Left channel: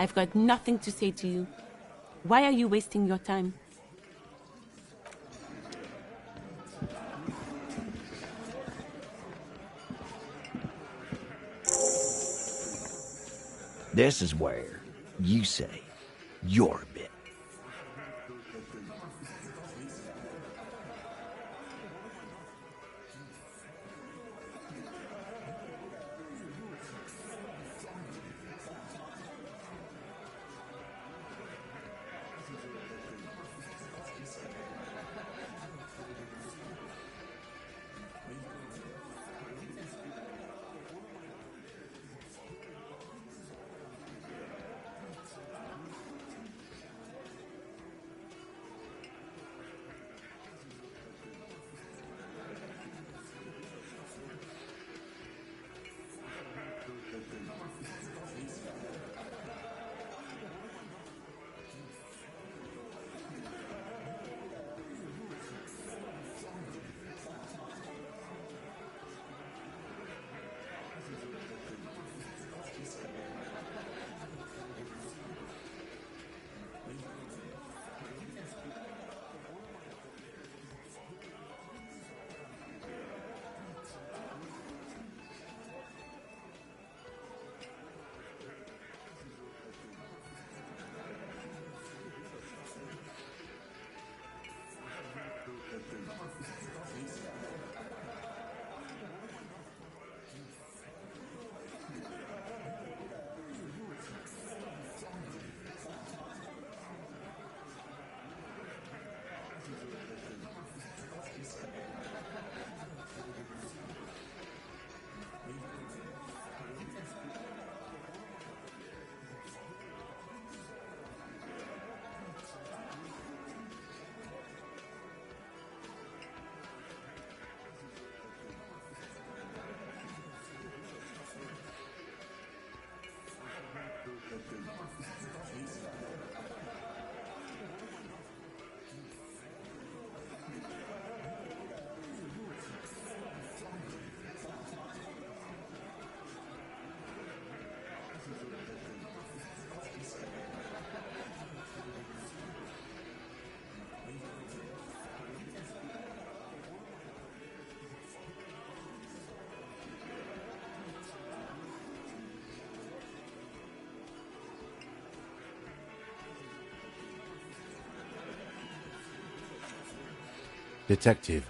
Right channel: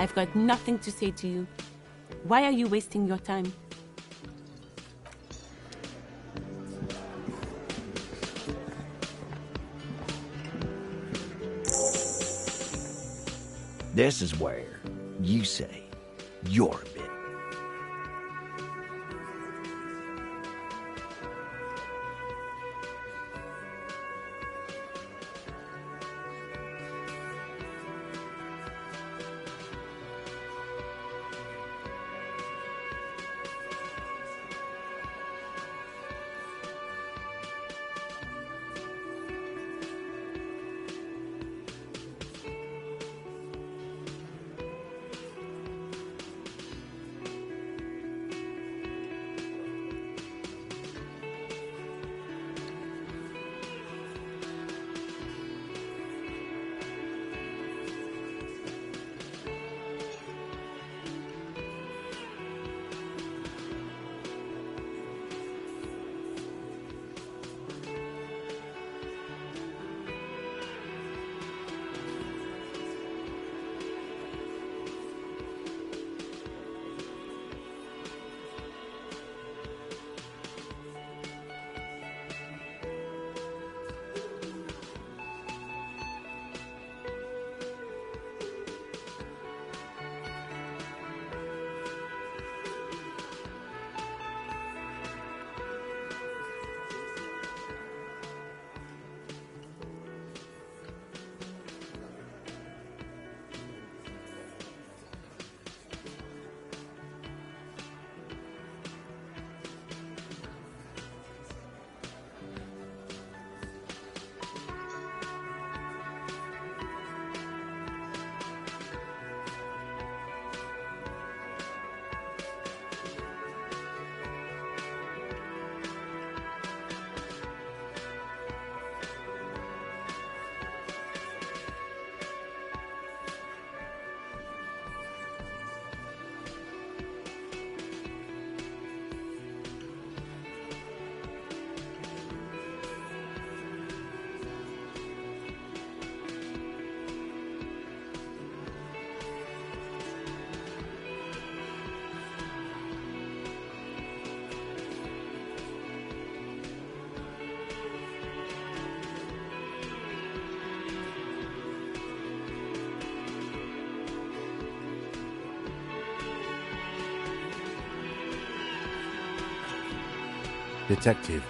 I've got nothing to say to you. Why are you wasting your time? This is where you say your bit. Detective.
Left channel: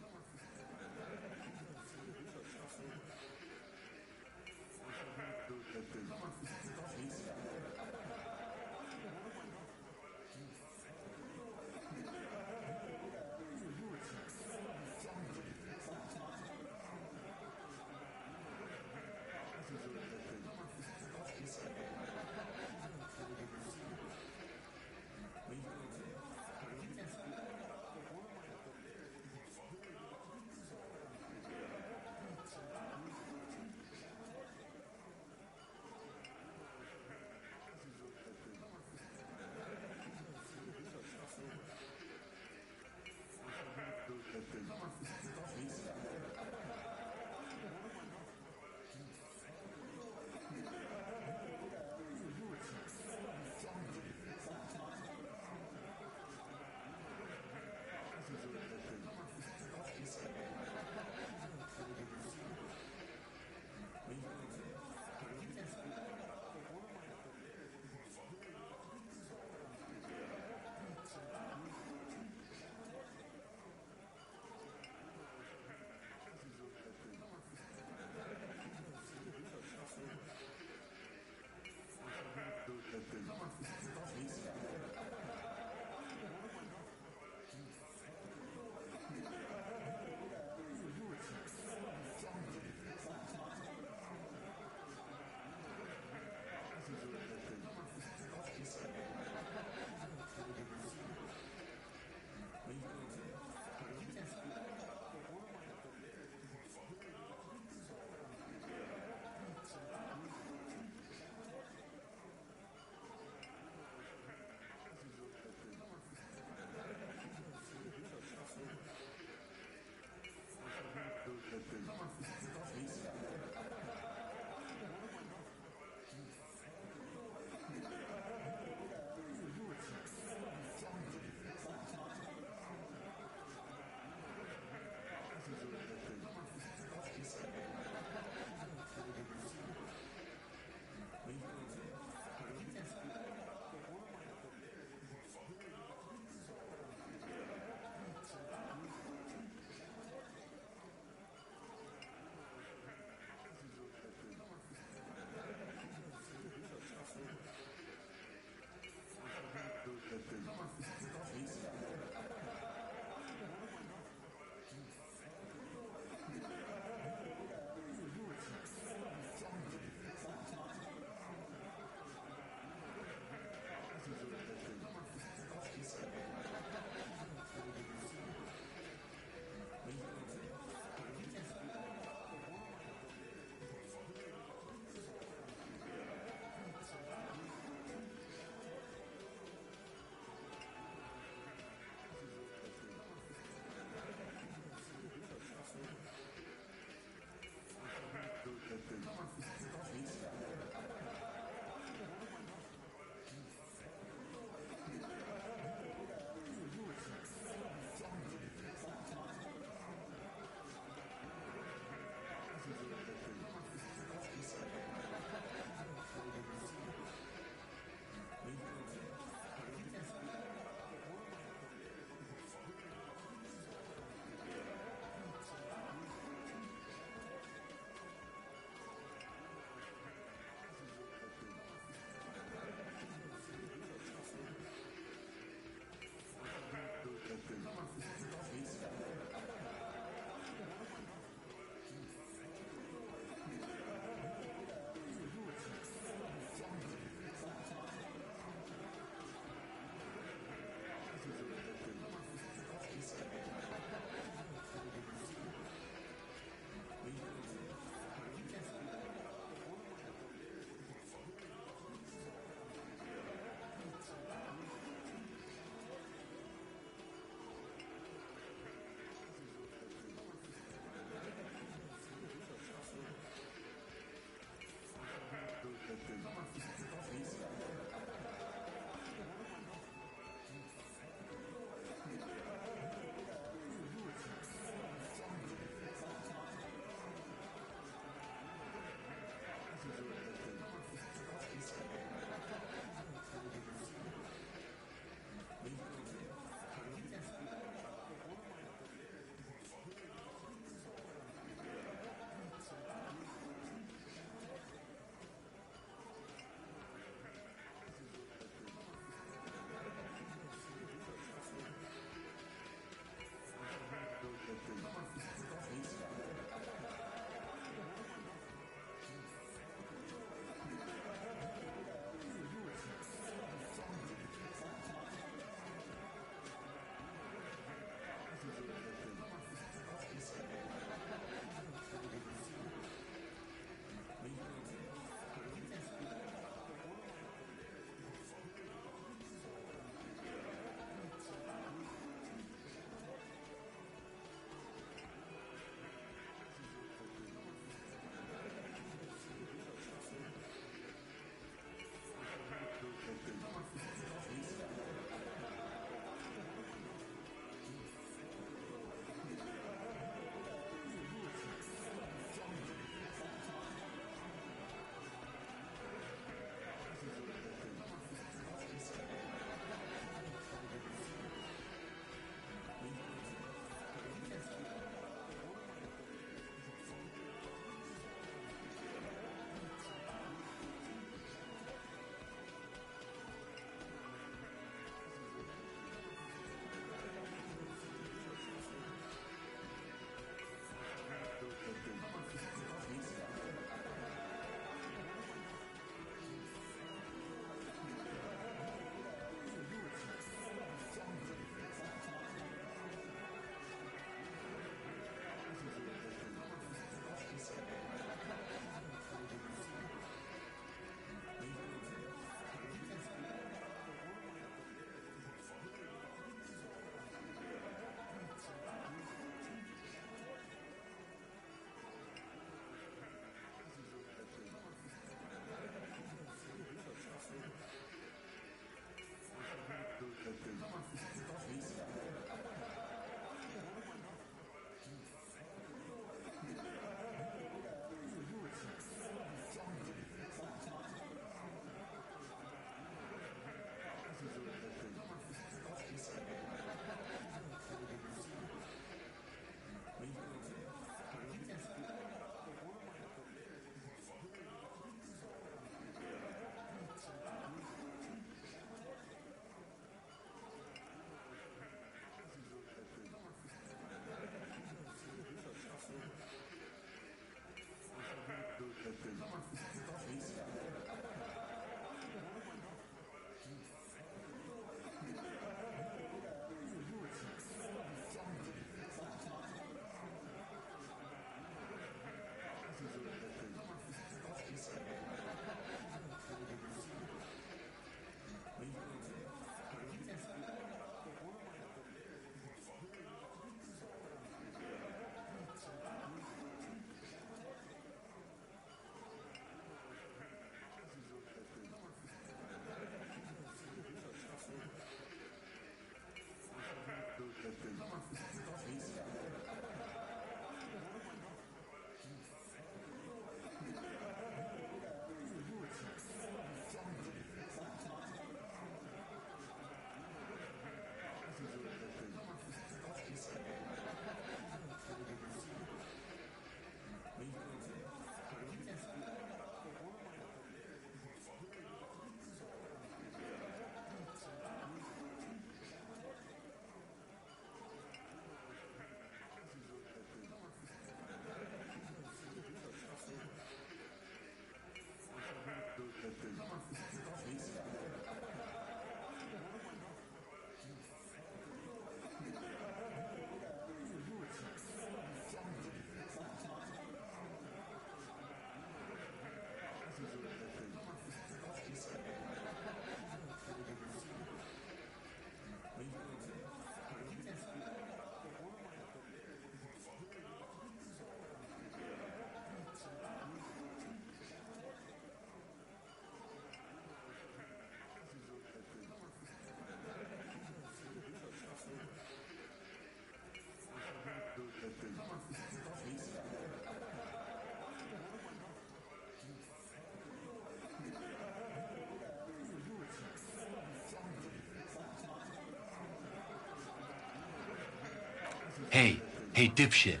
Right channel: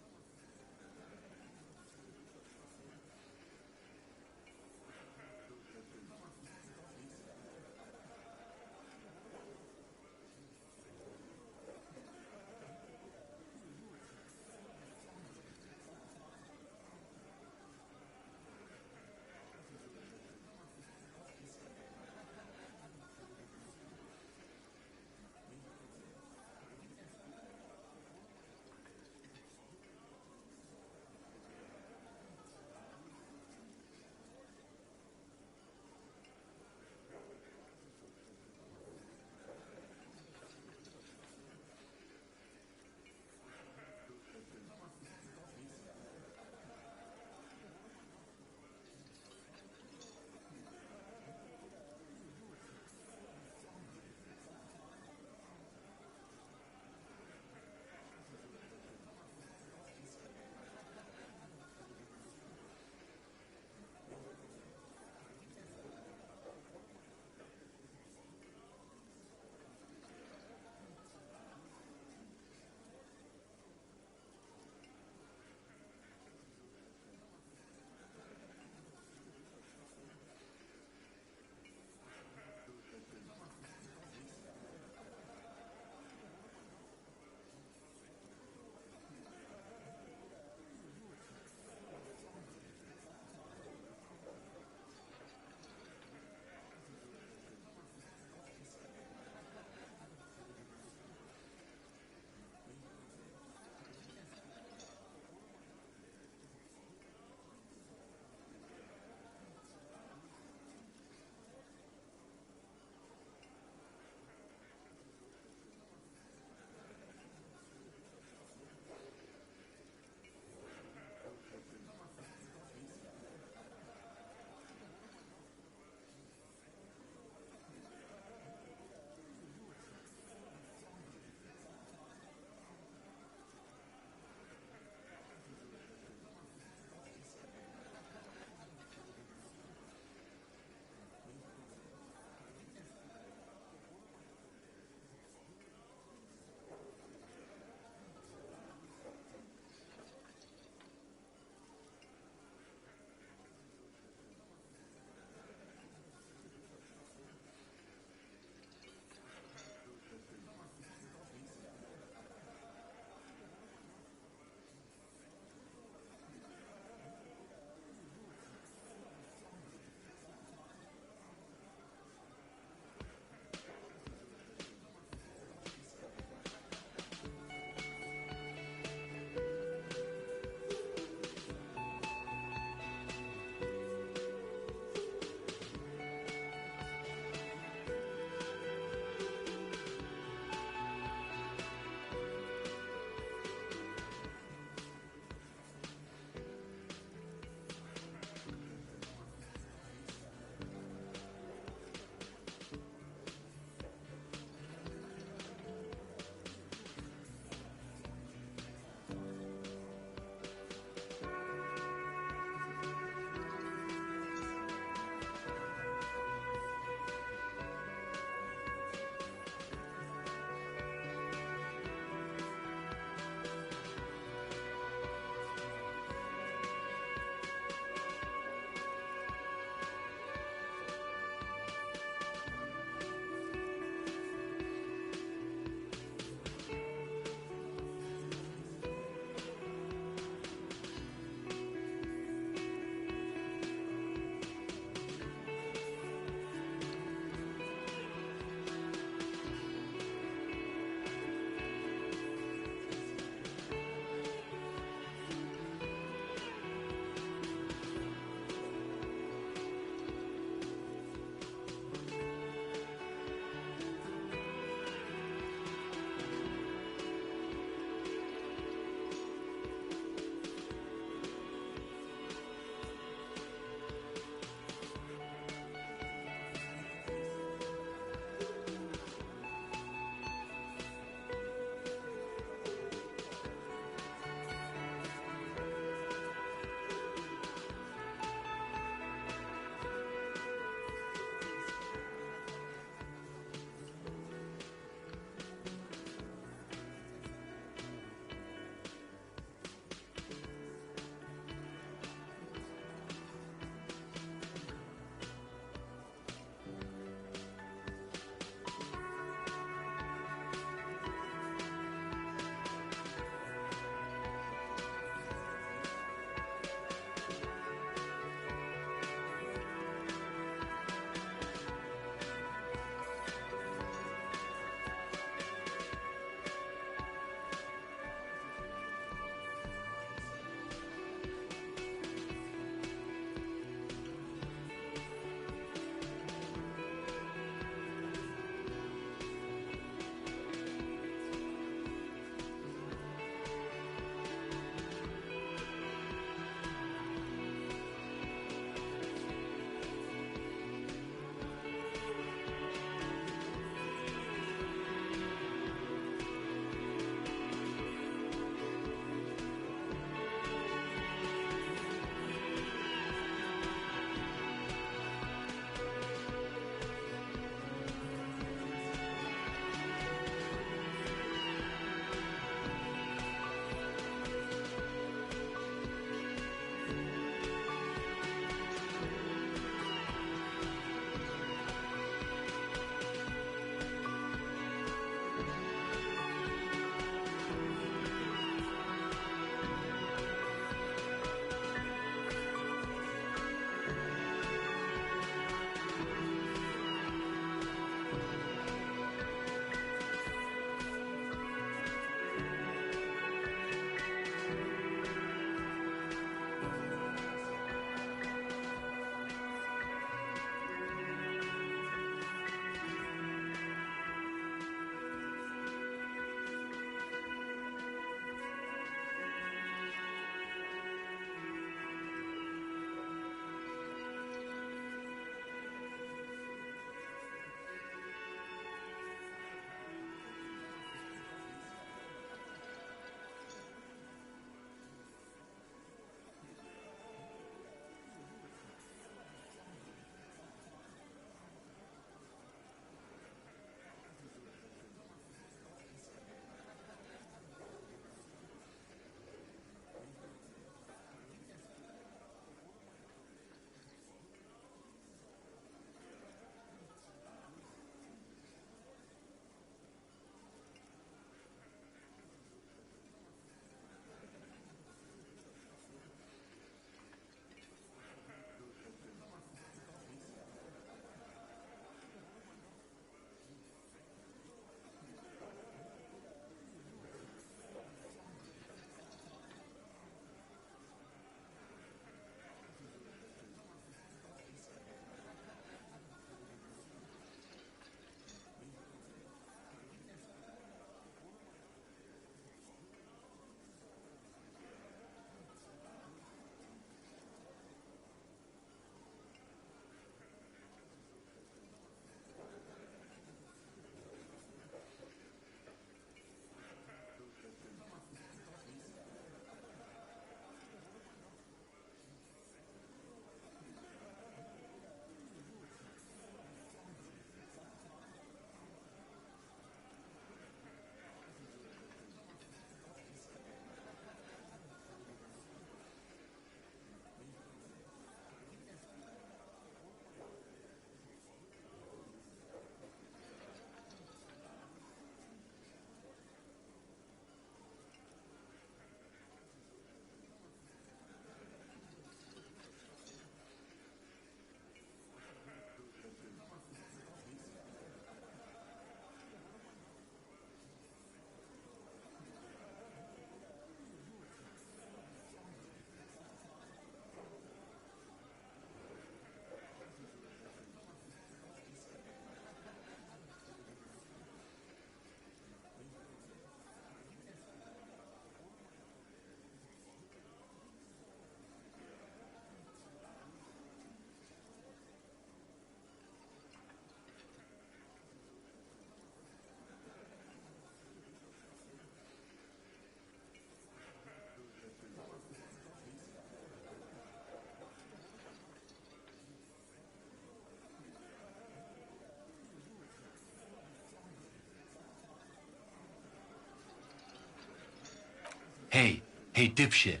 Hey, dipshit.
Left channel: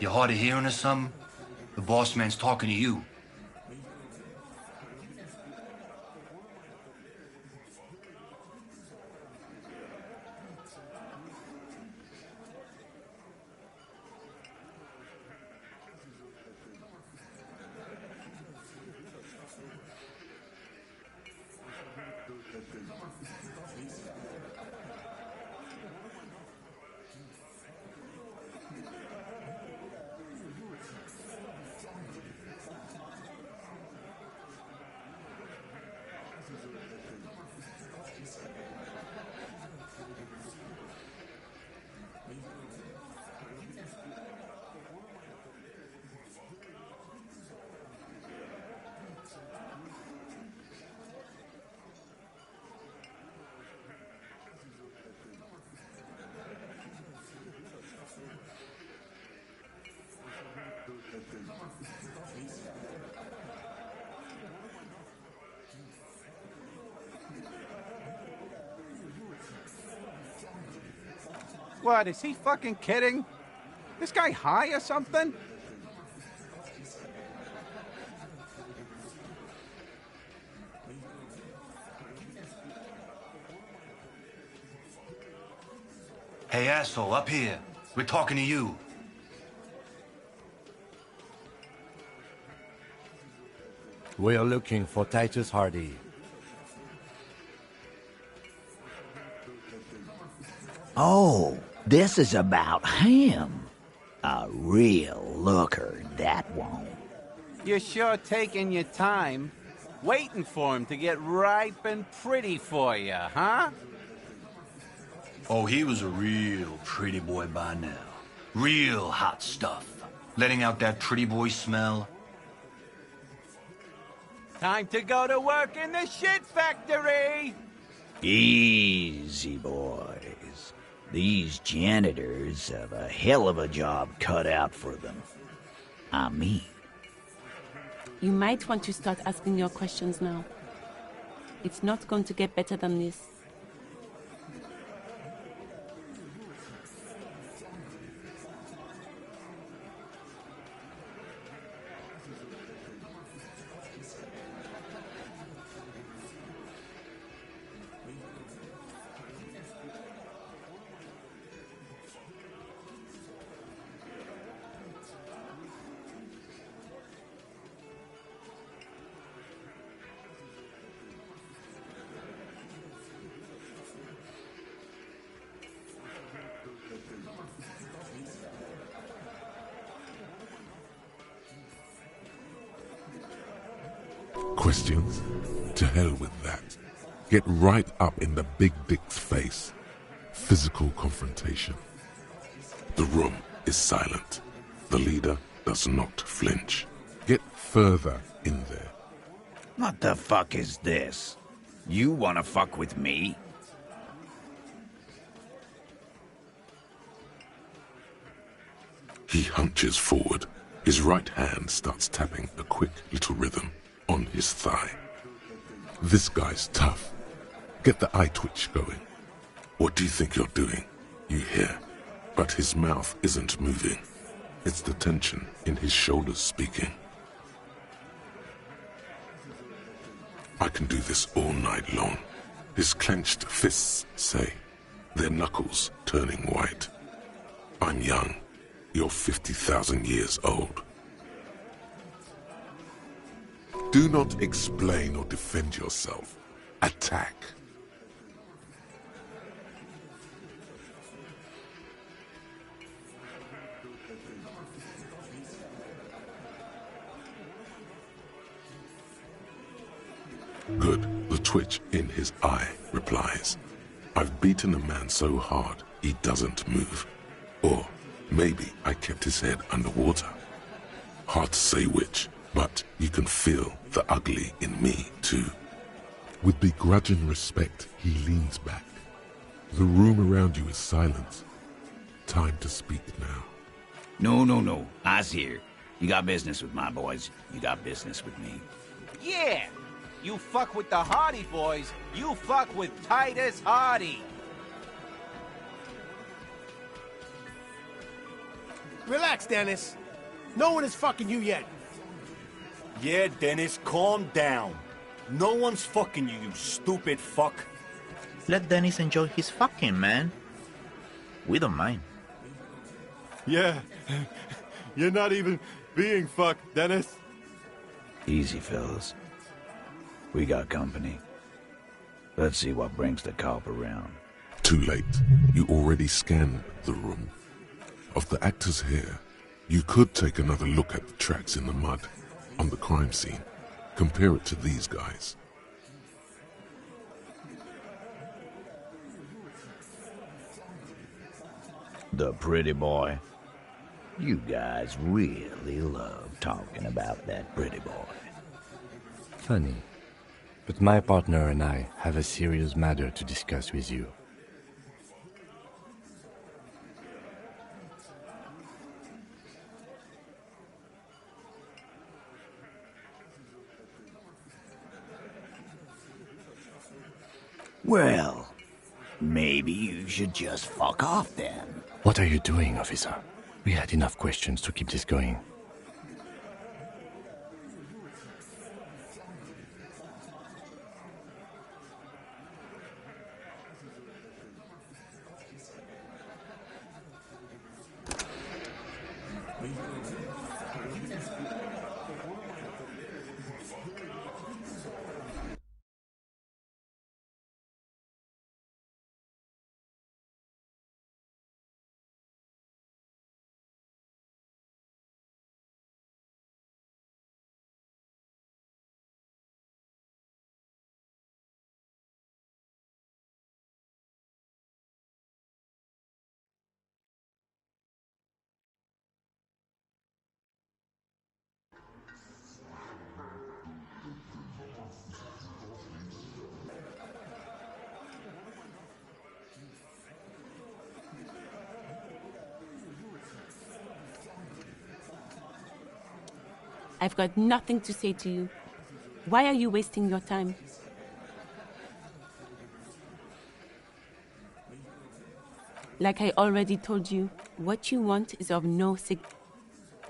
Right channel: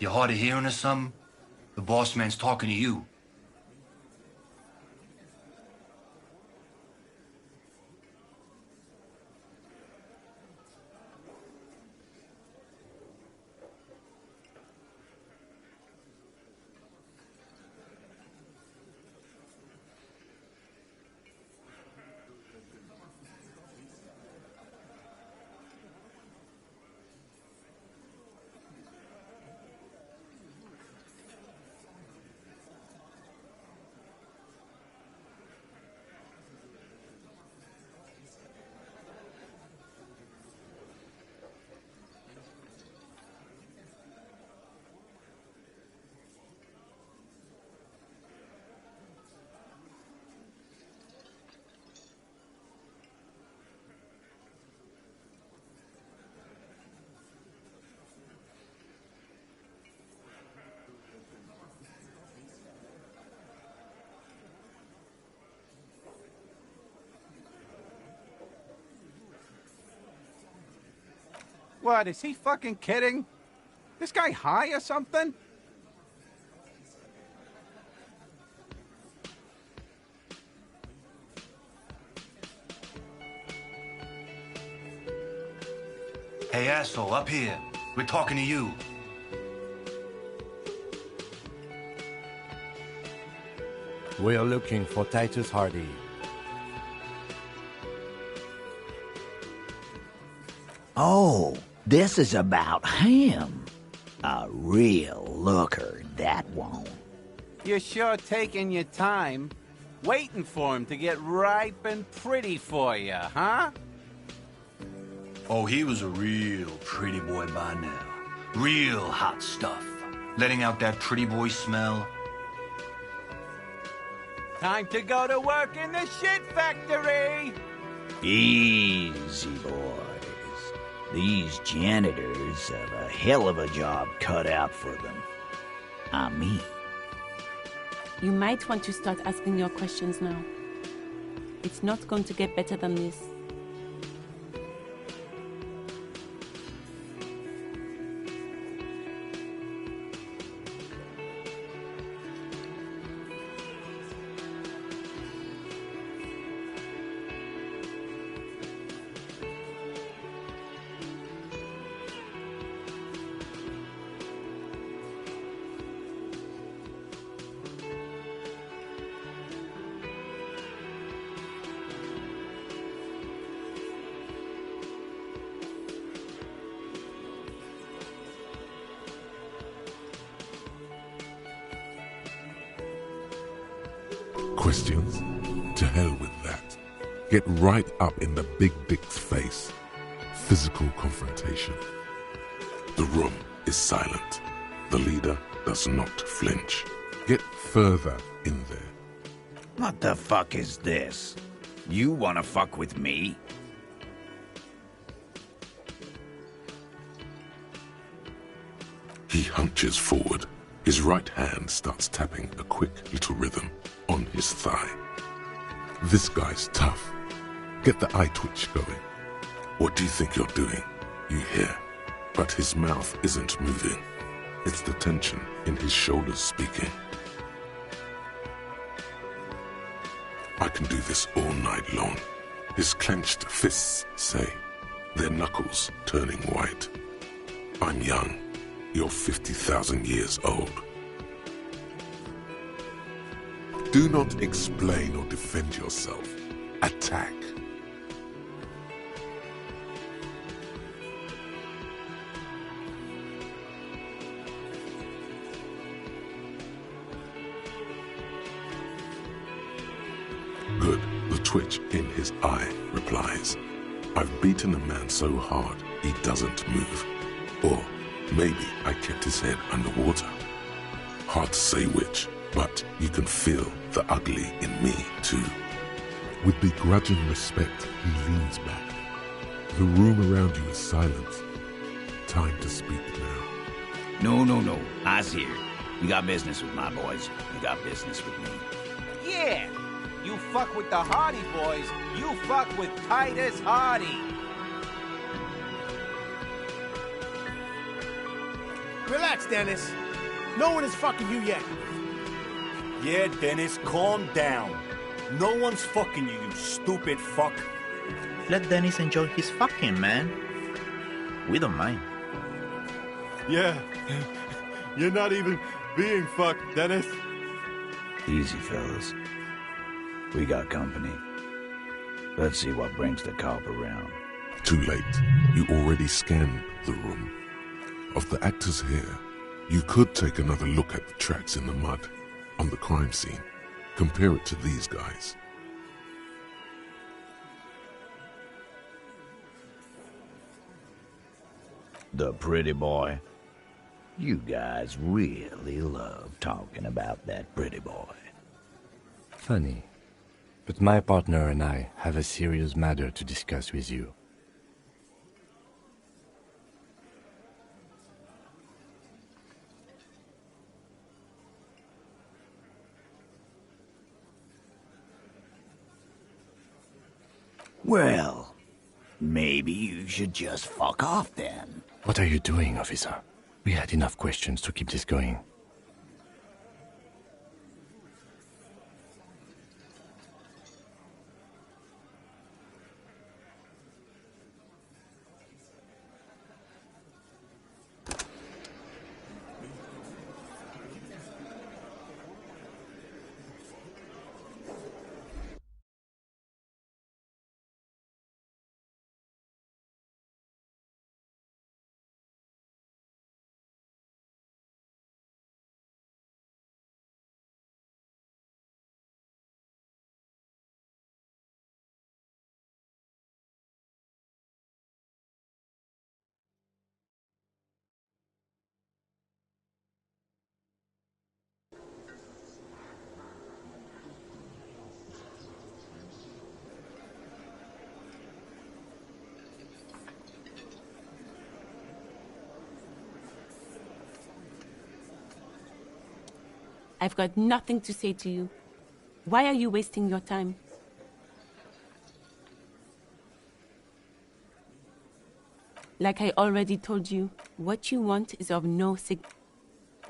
You hard of hearing or something? The boss man's talking to you. What, is he fucking kidding? This guy high or something? Hey, asshole, up here. We're talking to you. We're looking for Titus Hardy. Oh, this is about him. A real looker, that one. You're sure taking your time, waiting for him to get ripe and pretty for you, huh? Oh, he was a real pretty boy by now. Real hot stuff. Letting out that pretty boy smell. Time to go to work in the shit factory! Easy, boys. These janitors have a hell of a job cut out for them. I mean. You might want to start asking your questions now. It's not going to get better than this. Questions? To hell with that. Get right up in the big dick's face. Physical confrontation. The room is silent. The leader does not flinch. Get further in there. What the fuck is this? You wanna fuck with me? He hunches forward. His right hand starts tapping a quick little rhythm on his thigh. This guy's tough. Get the eye twitch going. What do you think you're doing? You hear. But his mouth isn't moving. It's the tension in his shoulders speaking. I can do this all night long. His clenched fists say, their knuckles turning white. I'm young. You're 50,000 years old. Do not explain or defend yourself. Attack. Good. The twitch in his eye replies. I've beaten a man so hard he doesn't move. Or maybe I kept his head underwater. Hard to say which, but you can feel the ugly in me too. With begrudging respect, he leans back. The room around you is silent. Time to speak now. No. I's here. You got business with my boys. You got business with me. Yeah! You fuck with the Hardy boys, you fuck with Titus Hardy! Relax, Dennis. No one is fucking you yet. Yeah, Dennis, calm down. No one's fucking you, you stupid fuck. Let Dennis enjoy his fucking, man. We don't mind. Yeah. You're not even being fucked, Dennis. Easy, fellas. We got company. Let's see what brings the cop around. Too late. You already scanned the room. Of the actors here, you could take another look at the tracks in the mud on the crime scene. Compare it to these guys. The pretty boy. You guys really love talking about that pretty boy. Funny. But my partner and I have a serious matter to discuss with you. Well, maybe you should just fuck off then. What are you doing, officer? We had enough questions to keep this going. I've got nothing to say to you. Why are you wasting your time? Like I already told you, what you want is of no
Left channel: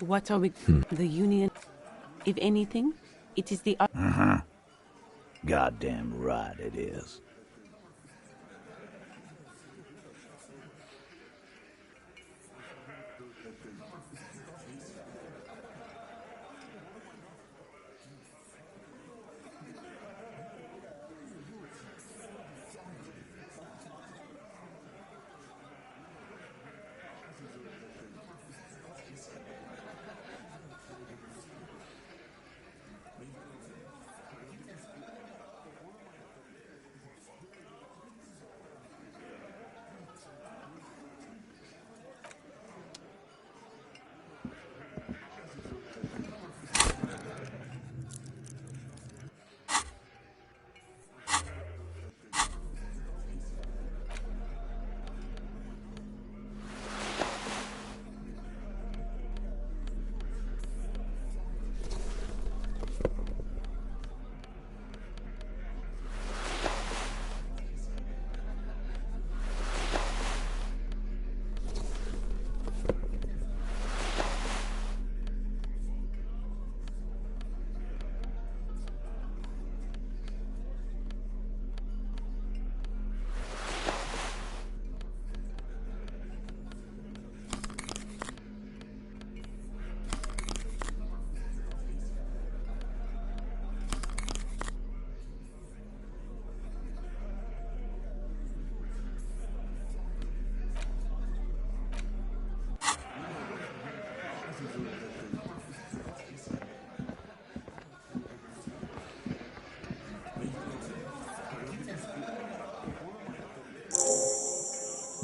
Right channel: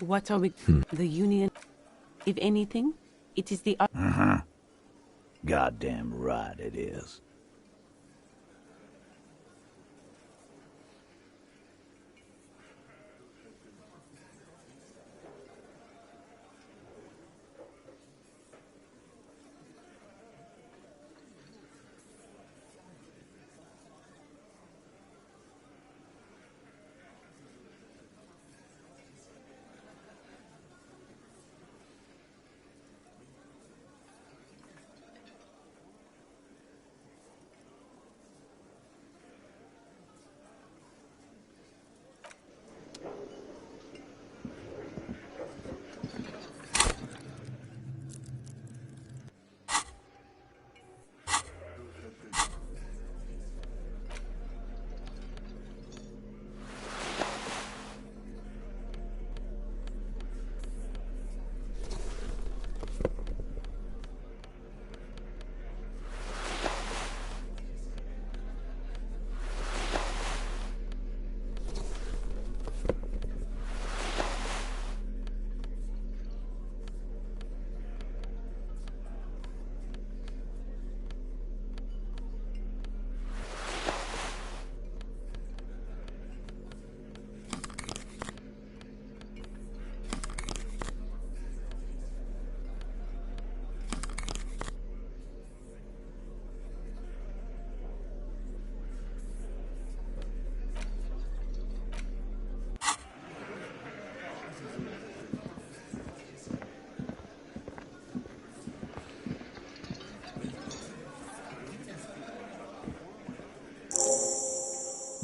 What are we? The Union? If anything, it is the... Goddamn right it is.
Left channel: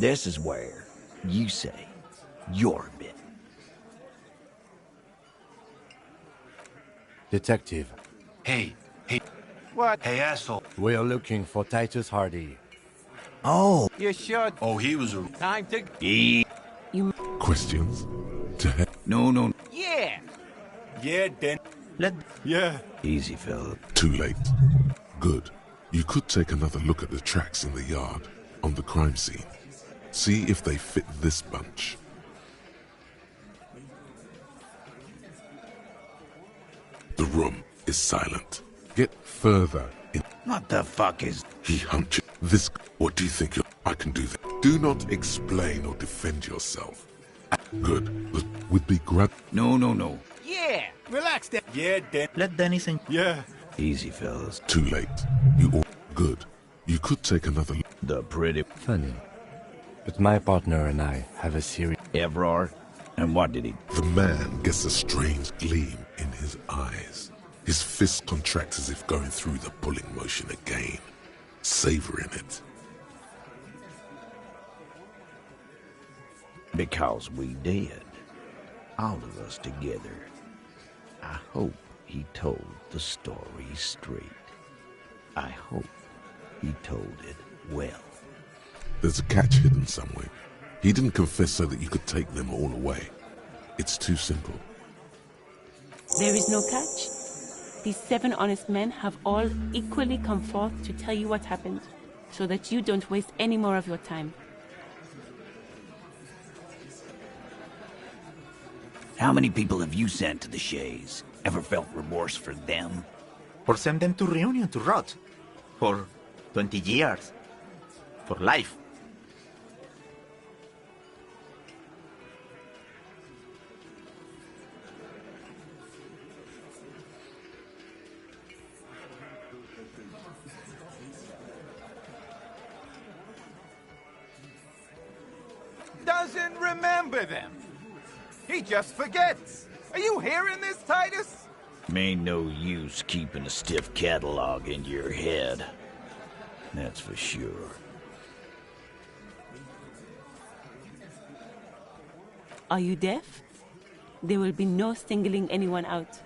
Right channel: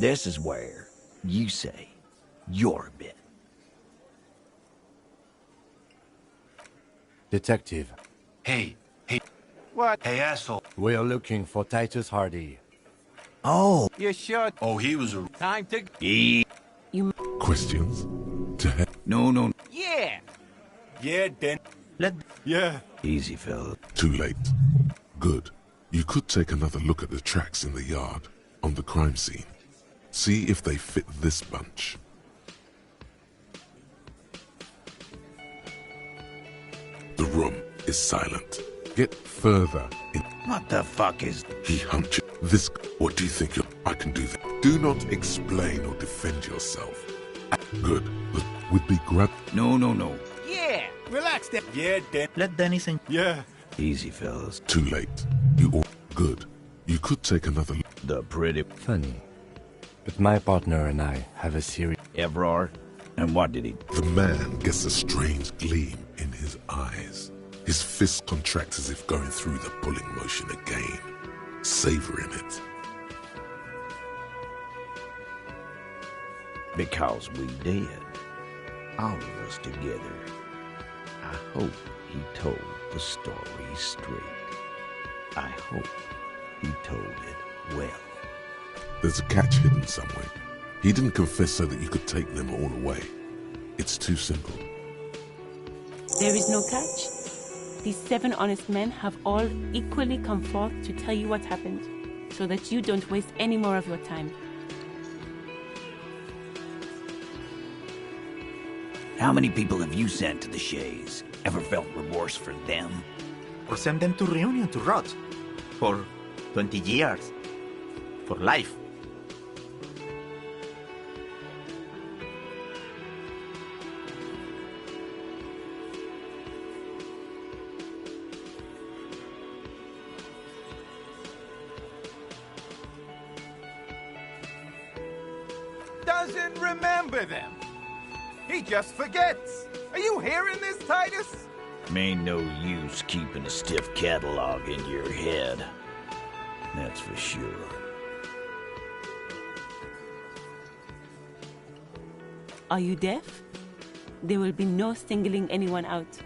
This is where you say your bit. Detective, Hey. What? Hey, asshole. we are looking for Titus Hardy. Oh, You sure? Oh, he was a... Time to... Questions? To heck. no. Yeah! Yeah, Dennis. Yeah. Easy, fella. Too late. Good. You could take another look at the tracks in the yard on the crime scene. See if they fit this bunch. is silent. Get further in. What the fuck is... He hunches. This... What do you think I can do that? Do not explain or defend yourself. Good. Would be grab... No, no, no. Yeah, relax, Dan. Yeah, Dan. Let Dennis in. Yeah. Easy, fellas. Too late. You all... Good. You could take another... The pretty... Funny. But my partner and I have a serious... Evrard? And what did he... The man gets a strange gleam in his eyes. His fists contract as if going through the pulling motion again, savoring it. Because we did. All of us together. I hope he told the story straight. I hope he told it well. There's a catch hidden somewhere. He didn't confess so that you could take them all away. It's too simple. There is no catch. These 7 honest men have all equally come forth to tell you what happened, so that you don't waste any more of your time. How many people have you sent to the Shays? Ever felt remorse for them? Or send them to Reunion to rot. For 20 years. For life. Doesn't remember them. He just forgets. Are you hearing this, Titus? Ain't no use keeping a stiff catalog in your head. That's for sure. Are you deaf? There will be no singling anyone out.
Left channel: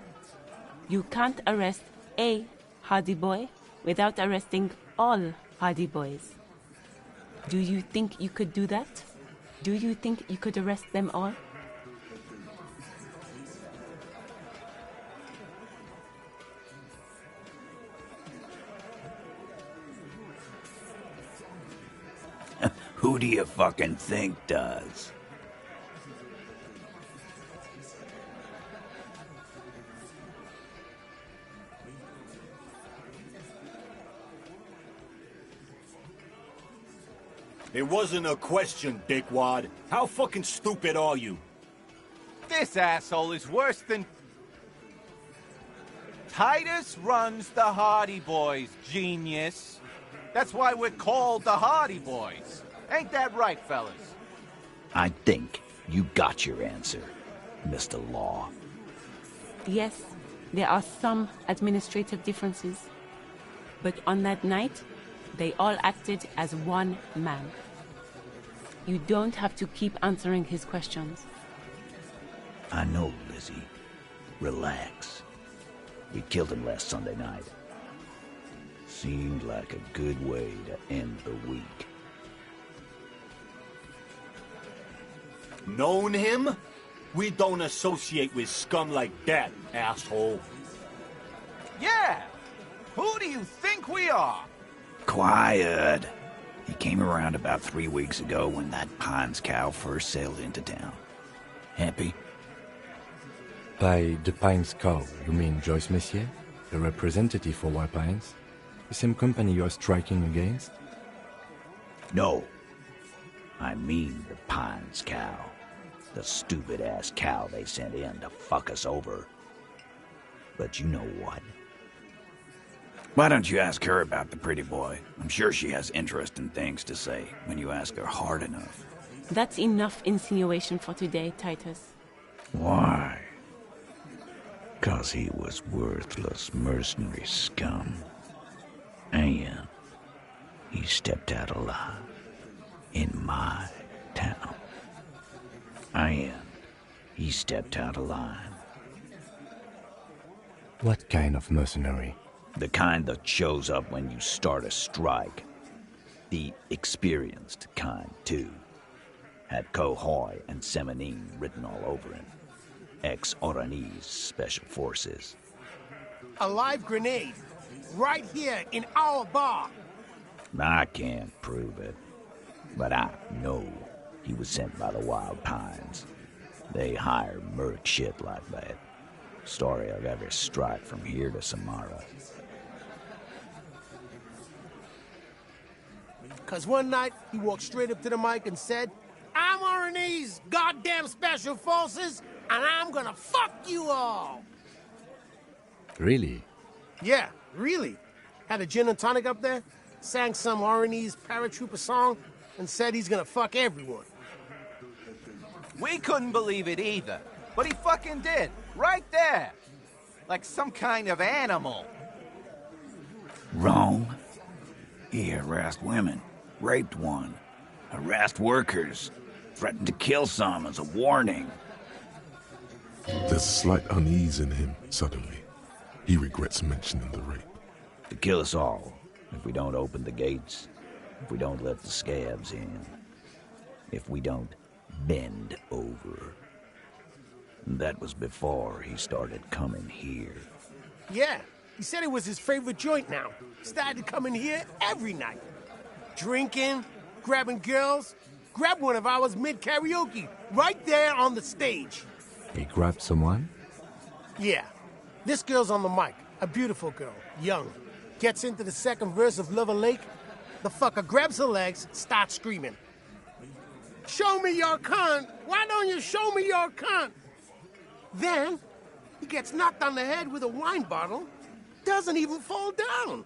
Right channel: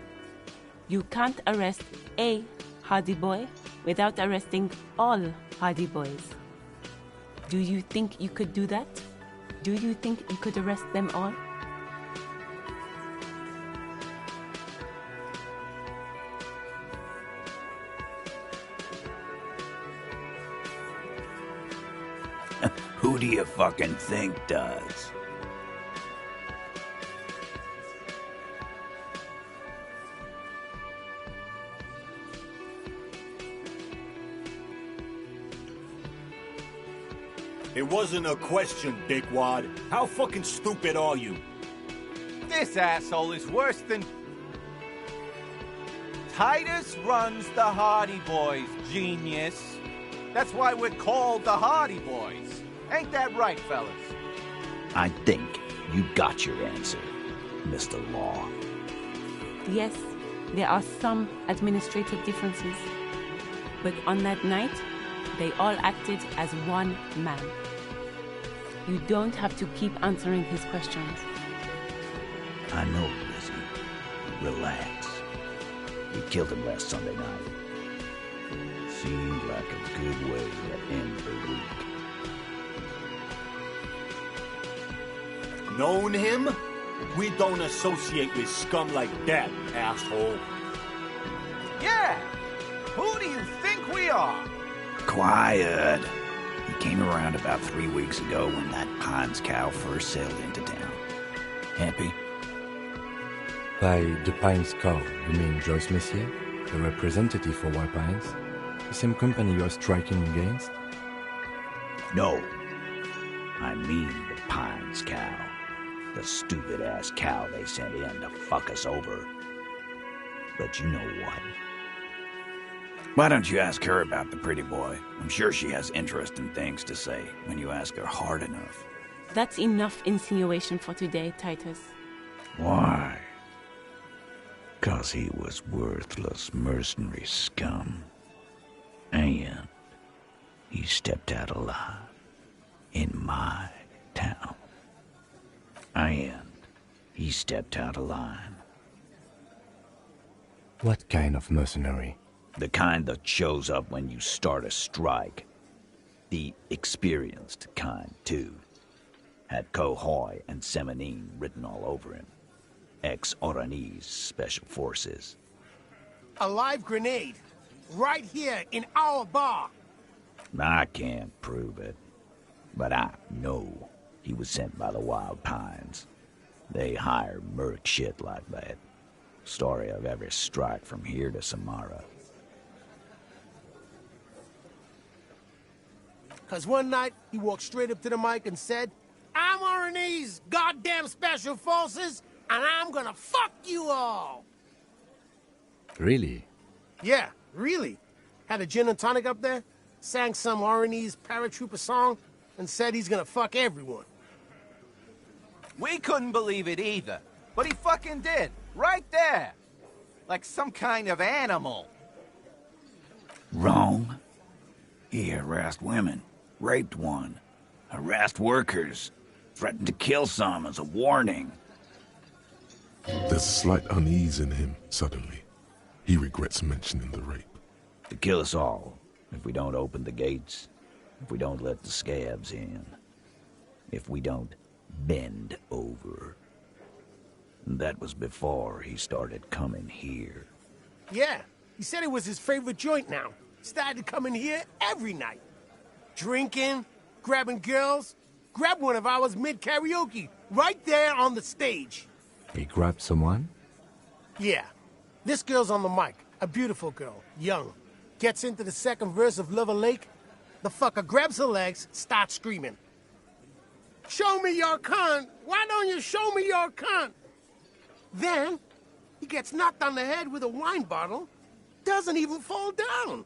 You can't arrest a Hardy Boy without arresting all Hardy Boys. Do you think you could do that? Do you think you could arrest them all? Who do you fucking think does? It wasn't a question, dickwad. How fucking stupid are you? This asshole is worse than... Titus runs the Hardy Boys, genius. That's why we're called the Hardy Boys. Ain't that right, fellas? I think you got your answer, Mr. Law. Yes, there are some administrative differences. But on that night, they all acted as one man. You don't have to keep answering his questions. I know, Lizzie. Relax. We killed him last Sunday night. Seemed like a good way to end the week. Known him? We don't associate with scum like that, asshole. Yeah! Who do you think we are? Quiet. He came around about 3 weeks ago when that Pines cow first sailed into town. Happy? By the Pines cow, you mean Joyce Messier, the representative for White Pines? The same company you are striking against? No. I mean the Pines cow. The stupid-ass cow they sent in to fuck us over. But you know what? Why don't you ask her about the pretty boy? I'm sure she has interesting things to say when you ask her hard enough. That's enough insinuation for today, Titus. Why? 'Cause he was worthless mercenary scum. And he stepped out alive in my town. And he stepped out alive. What kind of mercenary? The kind that shows up when you start a strike. The experienced kind, too. Had Cohoy and Semenine written all over him. Ex-Oranese Special Forces. A live grenade. Right here in our bar. I can't prove it. But I know he was sent by the Wild Pines. They hire merc shit like that. story of every strike from here to Samara. Cause one night, he walked straight up to the mic and said, I'm RNA's goddamn special forces, and I'm gonna fuck you all! Really? Yeah, really. Had a gin and tonic up there, sang some RNA's paratrooper song, and said he's gonna fuck everyone. We couldn't believe it either, but he fucking did, right there. Like some kind of animal. Wrong. He harassed women, raped one, harassed workers, threatened to kill some as a warning. There's a slight unease in him, suddenly. He regrets mentioning the rape. To kill us all, if we don't open the gates, if we don't let the scabs in, if we don't bend over. And that was before he started coming here. Yeah, he said it was his favorite joint now. Started coming here every night. Drinking, grabbing girls. Grabbed one of ours mid-karaoke, right there on the stage. He grabbed someone? Yeah. This girl's on the mic. A beautiful girl, young. Gets into the second verse of Lover Lake. The fucker grabs her legs, starts screaming. Show me your cunt! Why don't you show me your cunt? Then, he gets knocked on the head with a wine bottle. Doesn't even fall down.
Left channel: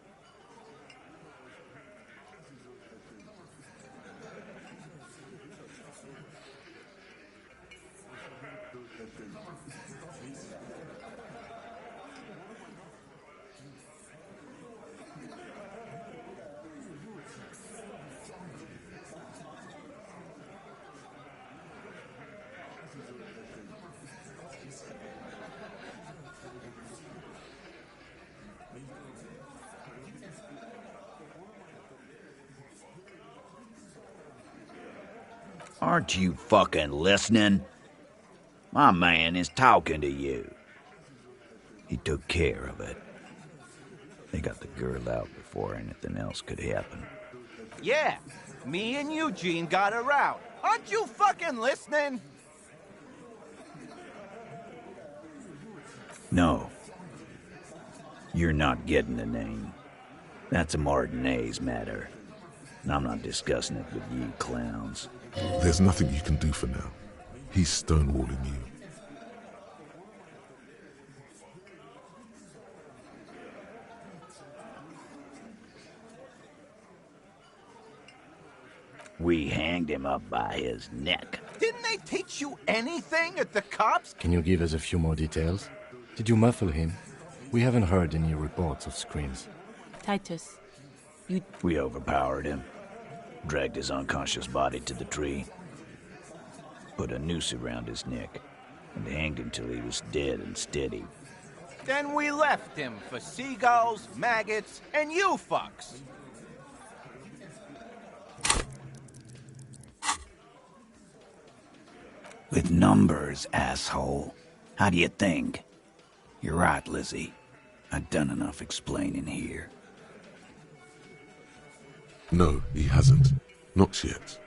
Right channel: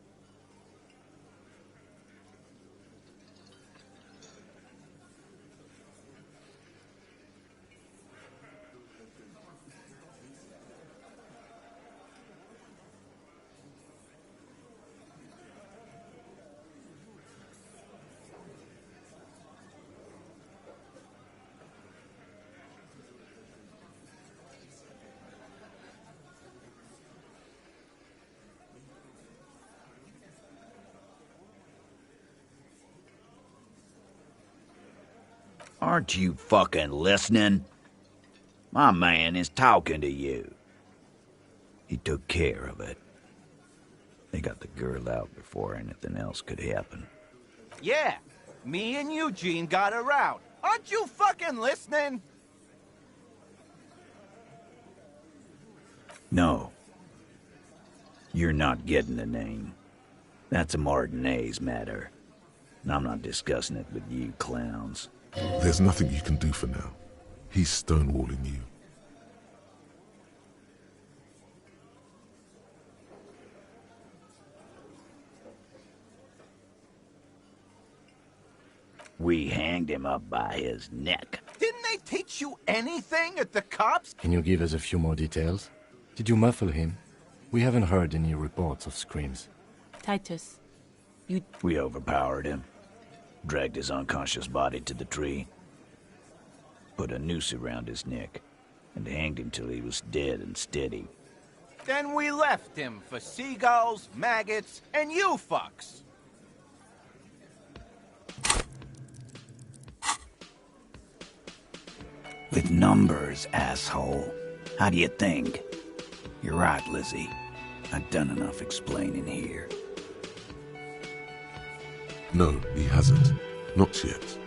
Aren't you fucking listening? My man is talking to you. He took care of it. They got the girl out before anything else could happen. Yeah, me and Eugene got her out. Aren't you fucking listening? No. You're not getting the name. That's a Martinez matter. And I'm not discussing it with you clowns. There's nothing you can do for now. He's stonewalling you. We hanged him up by his neck. Didn't they teach you anything at the cops? Can you give us a few more details? Did you muffle him? We haven't heard any reports of screams. Titus, We overpowered him. Dragged his unconscious body to the tree. Put a noose around his neck. And hanged him till he was dead and steady. Then we left him for seagulls, maggots, and you fucks. With numbers, asshole. How do you think? You're right, Lizzie. I've done enough explaining here. No, he hasn't. Not yet.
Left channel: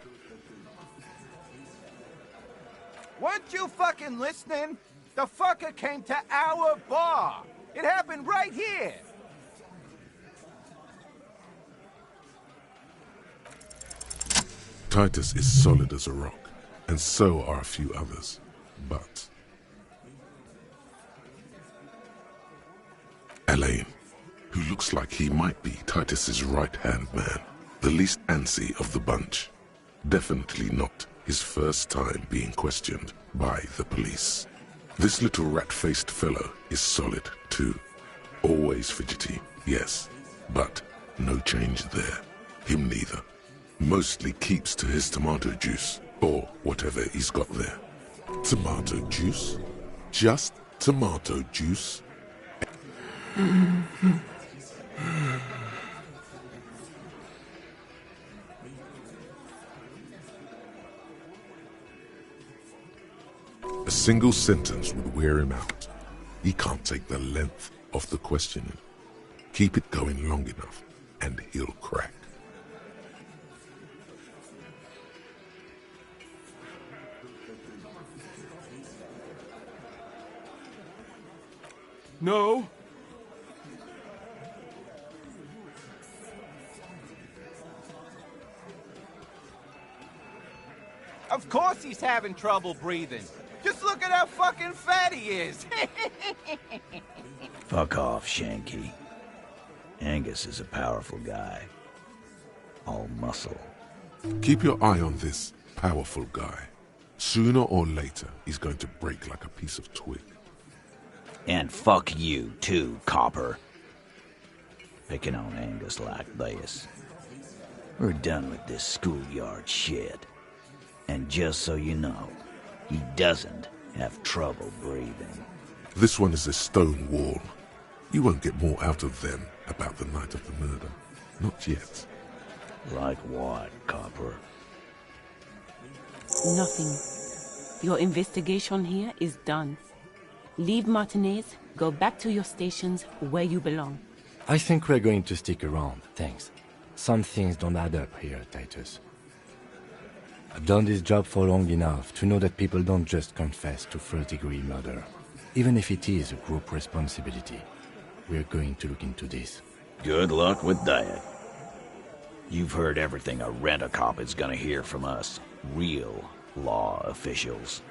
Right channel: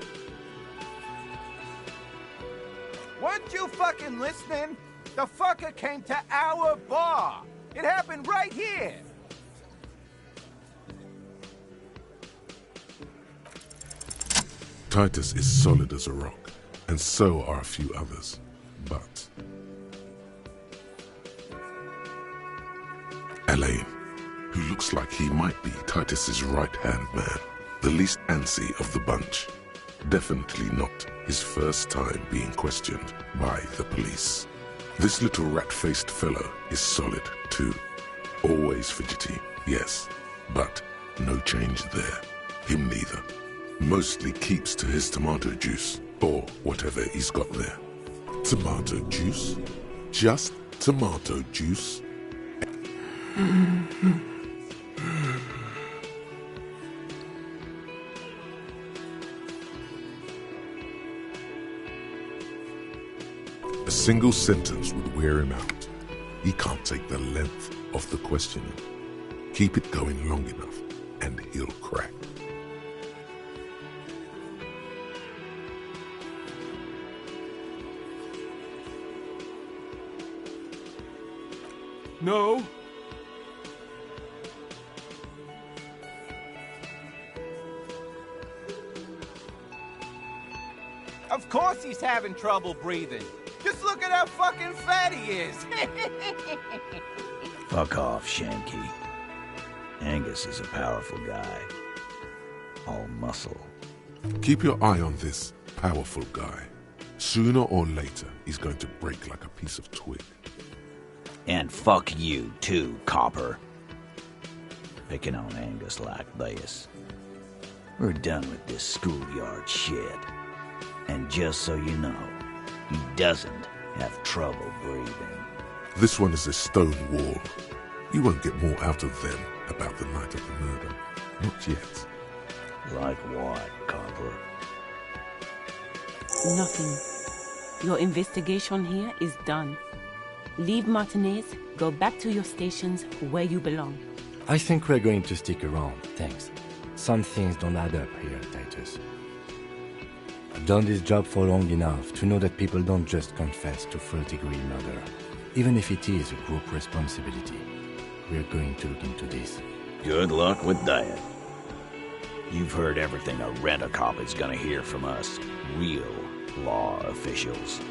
Weren't you fucking listening? The fucker came to our bar. It happened right here. Titus is solid as a rock, and so are a few others. But Elaine, who looks like he might be Titus's right-hand man, the least antsy of the bunch, definitely not his first time being questioned by the police. This little rat-faced fellow is solid too. Always fidgety, yes, but no change there. Him neither. Mostly keeps to his tomato juice, or whatever he's got there. Tomato juice? Just tomato juice? A single sentence would wear him out. He can't take the length of the questioning. Keep it going long enough, and he'll crack. No? Of course he's having trouble breathing. Just look at how fucking fat he is. Fuck off, Shanky. Angus is a powerful guy. All muscle. Keep your eye on this powerful guy. Sooner or later, he's going to break like a piece of twig. And fuck you, too, copper. Picking on Angus like this. We're done with this schoolyard shit. And just so you know, he doesn't have trouble breathing. This one is a stone wall. You won't get more out of them about the night of the murder. Not yet. Like what, copper? Nothing. Your investigation here is done. Leave Martinez, go back to your stations where you belong. I think we're going to stick around, thanks. Some things don't add up here, Titus. I've done this job for long enough to know that people don't just confess to first-degree murder, even if it is a group responsibility. We're going to look into this. Good luck with that. You've heard everything a rent-a-cop is gonna hear from us, real law officials.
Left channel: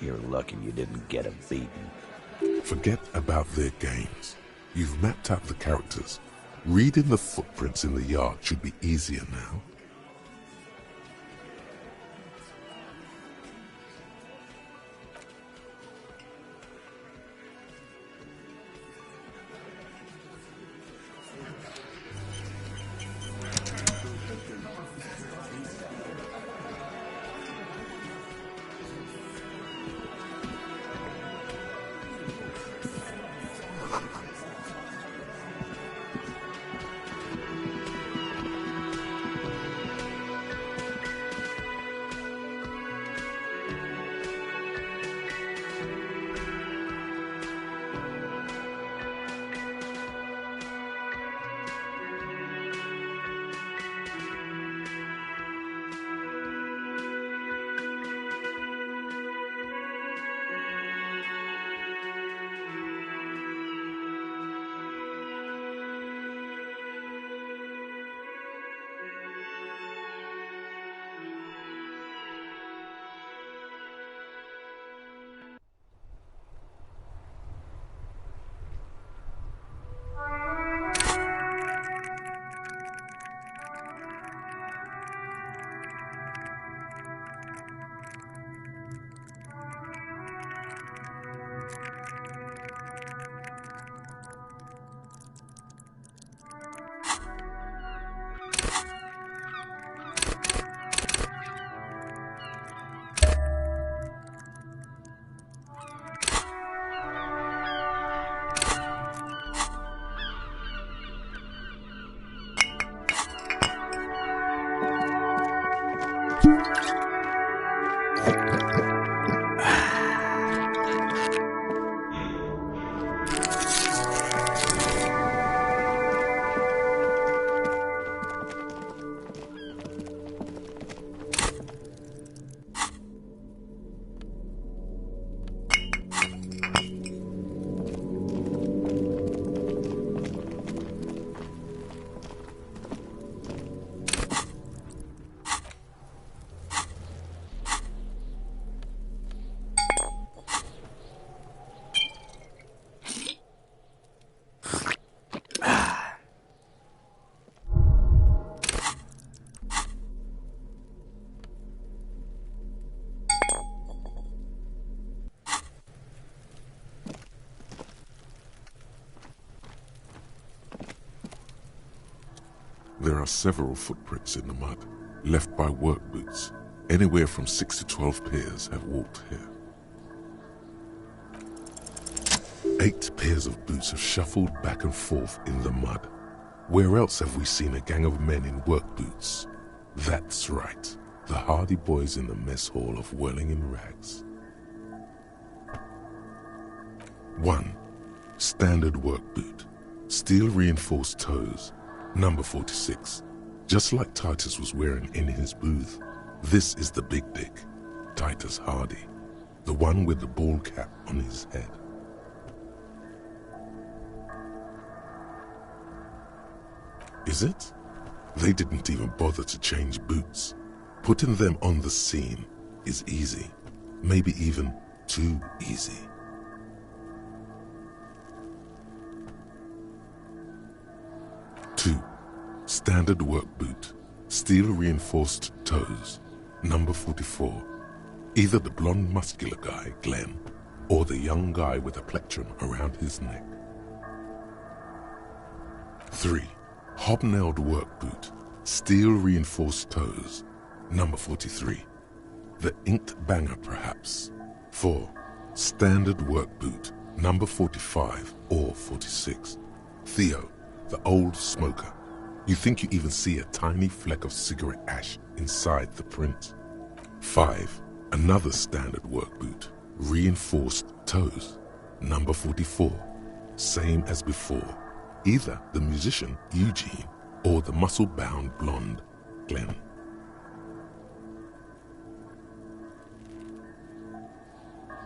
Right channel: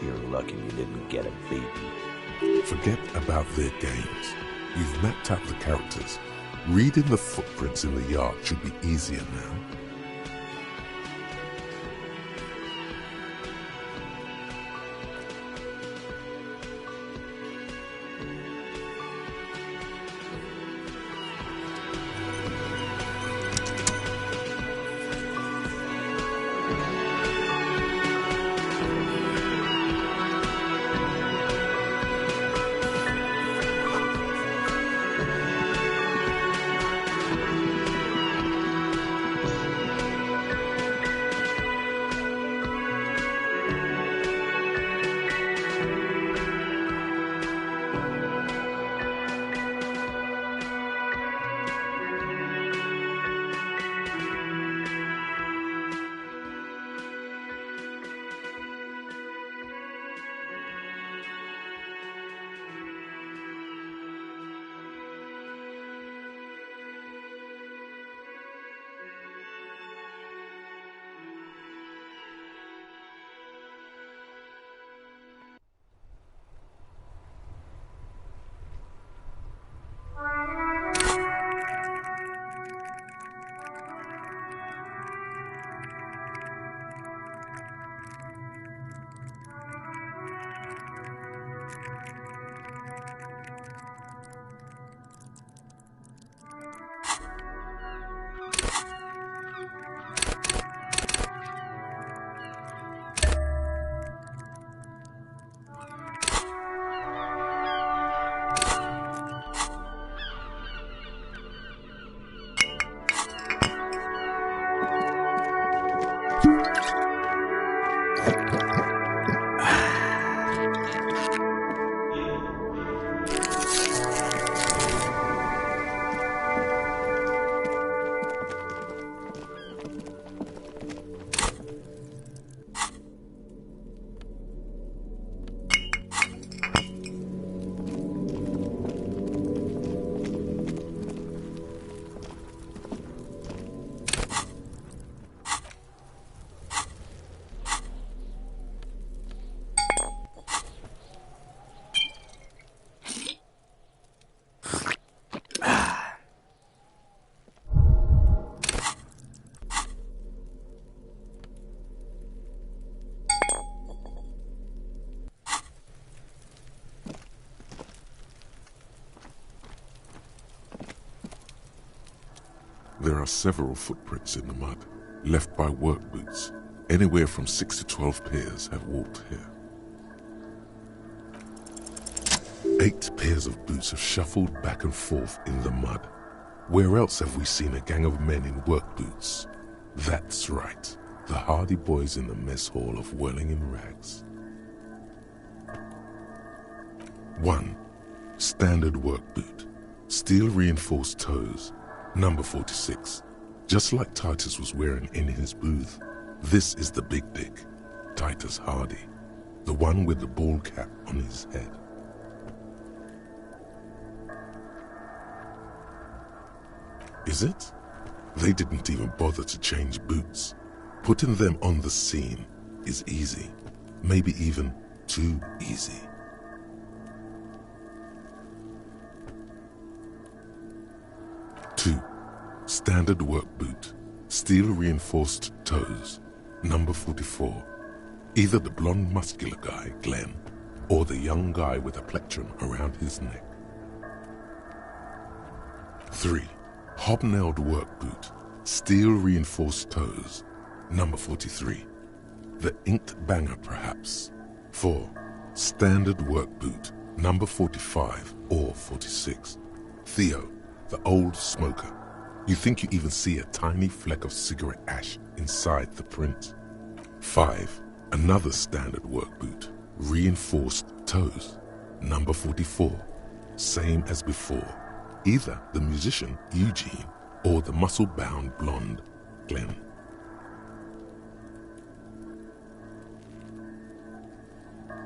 You're lucky you didn't get a beating. Forget about their games. You've mapped out the characters. Reading the footprints in the yard should be easier now. There are several footprints in the mud, left by work boots. Anywhere from 6 to 12 pairs have walked here. 8 pairs of boots have shuffled back and forth in the mud. Where else have we seen a gang of men in work boots? That's right, the Hardy Boys in the mess hall of Whirling in Rags. 1. Standard work boot. Steel reinforced toes. Number 46. Just like Titus was wearing in his booth. This is the big dick, Titus Hardy. The one with the bald cap on his head. Is it? They didn't even bother to change boots. Putting them on the scene is easy. Maybe even too easy. Two, standard work boot, steel reinforced toes, number 44. Either the blonde muscular guy, Glenn, or the young guy with a plectrum around his neck. 3. Hobnailed work boot, steel reinforced toes, number 43. The inked banger, perhaps. 4. Standard work boot, number 45 or 46. Theo, the old smoker. You think you even see a tiny fleck of cigarette ash inside the print. 5. Another standard work boot, reinforced toes, number 44. Same as before. Either the musician, Eugene, or the muscle-bound blonde, Glenn.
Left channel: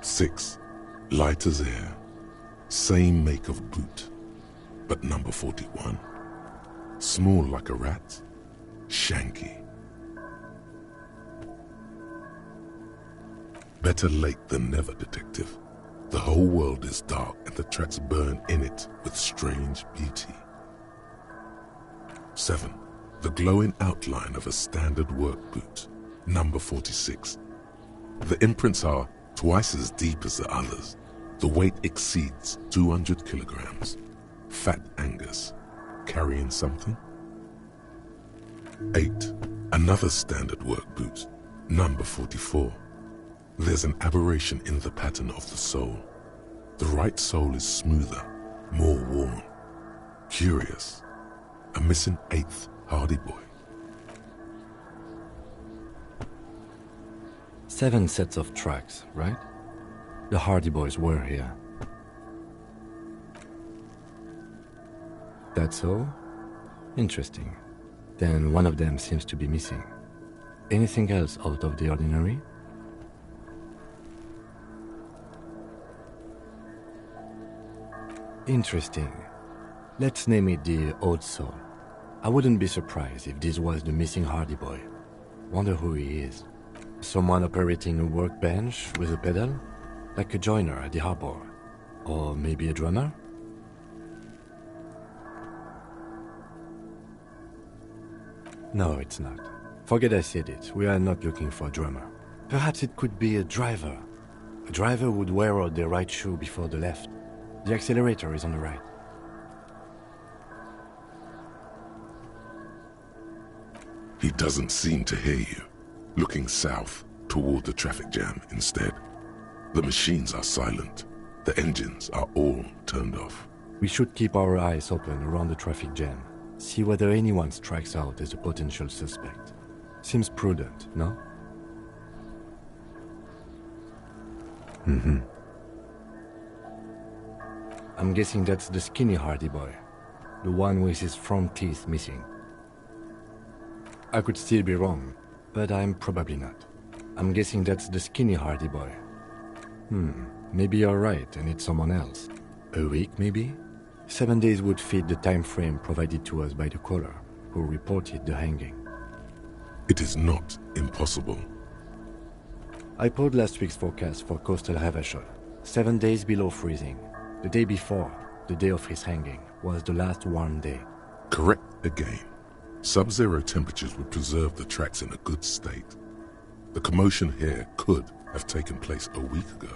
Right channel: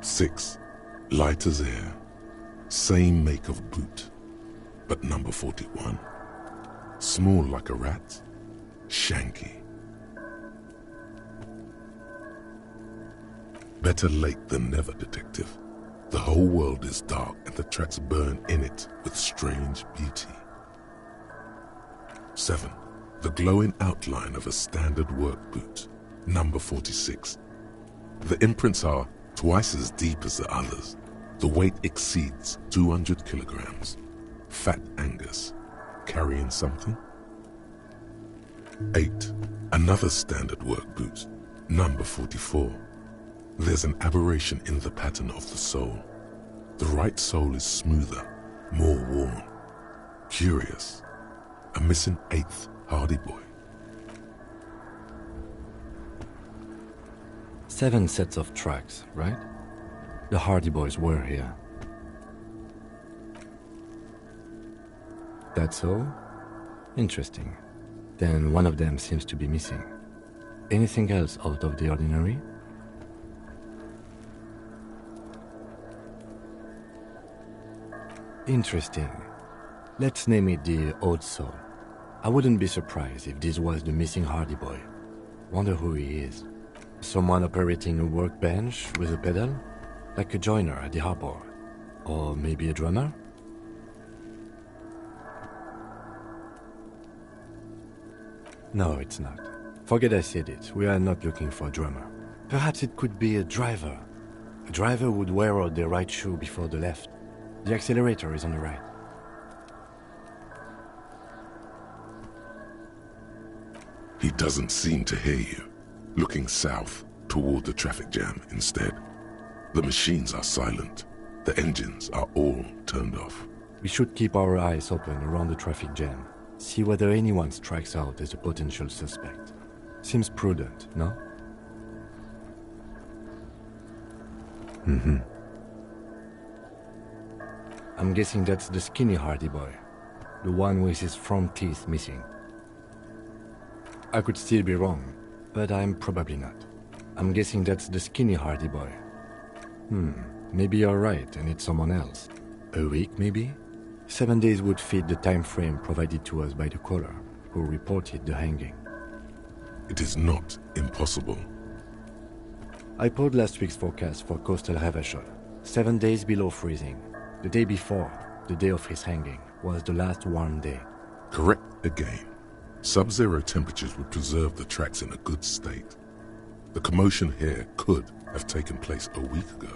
6. Light as air. Same make of boot, but number 41. Small like a rat, shanky. Better late than never, detective. The whole world is dark and the tracks burn in it with strange beauty. 7. The glowing outline of a standard work boot, number 46. The imprints are twice as deep as the others. The weight exceeds 200 kilograms. Fat Angus, carrying something? 8. Another standard work boot, number 44. There's an aberration in the pattern of the sole. The right sole is smoother, more worn. Curious. A missing 8th Hardy Boy. 7 sets of tracks, right? The Hardy Boys were here. That's all? Interesting. Then one of them seems to be missing. Anything else out of the ordinary? Interesting. Let's name it the Old Soul. I wouldn't be surprised if this was the missing Hardy Boy. Wonder who he is. Someone operating a workbench with a pedal? Like a joiner at the harbor? Or maybe a drummer? No, it's not. Forget I said it. We are not looking for a drummer. Perhaps it could be a driver. A driver would wear out the right shoe before the left. The accelerator is on the right. He doesn't seem to hear you. Looking south toward the traffic jam instead. The machines are silent. The engines are all turned off. We should keep our eyes open around the traffic jam. See whether anyone strikes out as a potential suspect. Seems prudent, no? I'm guessing that's the skinny Hardy Boy. The one with his front teeth missing. I could still be wrong, but I'm probably not. I'm guessing that's the skinny Hardy Boy. Maybe you're right and it's someone else. A week, maybe? 7 days would fit the time frame provided to us by the caller, who reported the hanging. It is not impossible. I pulled last week's forecast for coastal Havashol. 7 days below freezing. The day before, the day of his hanging, was the last warm day. Correct again. Sub-zero temperatures would preserve the tracks in a good state. The commotion here could have taken place a week ago.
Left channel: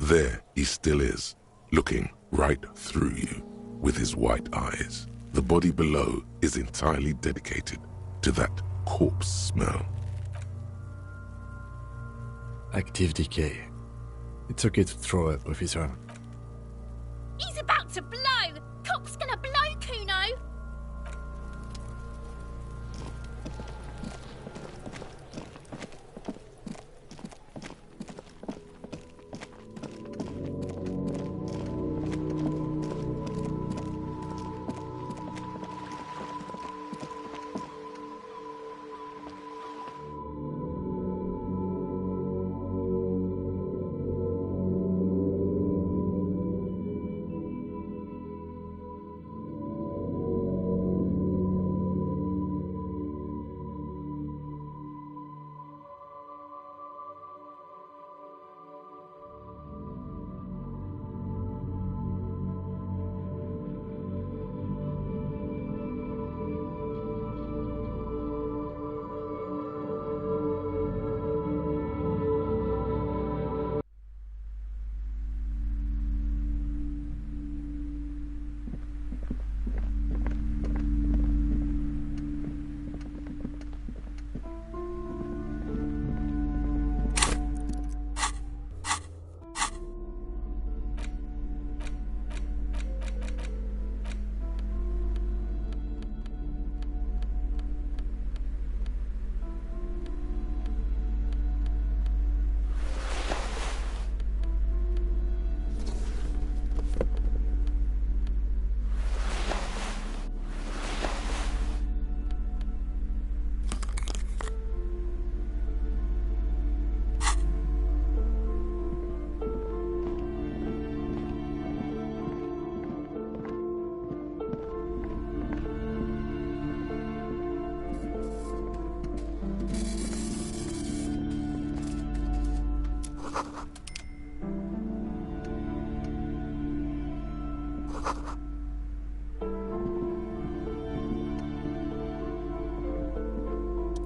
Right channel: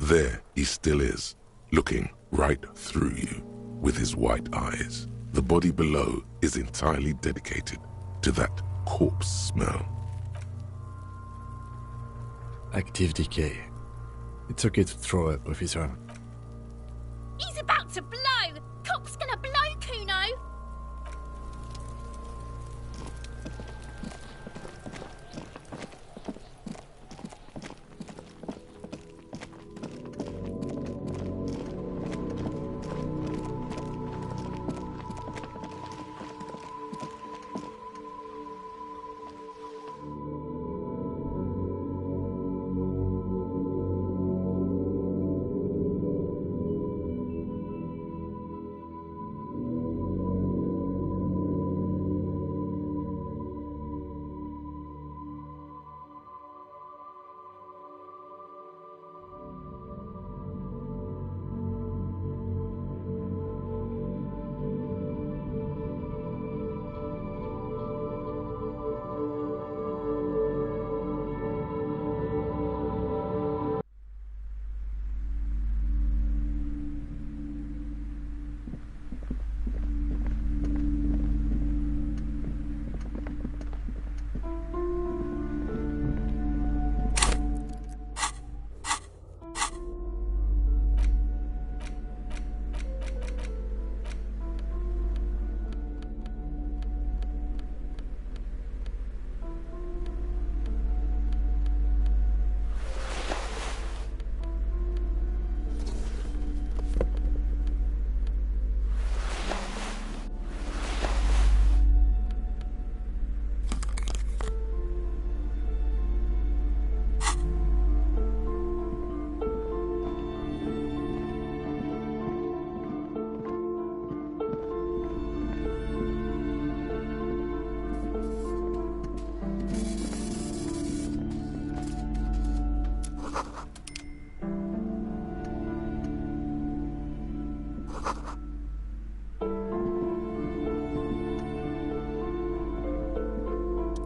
There he still is, looking right through you with his white eyes. The body below is entirely dedicated to that corpse smell. Active decay. It's okay to throw up, officer. He's about to blow! Cop's gonna blow, Kuno!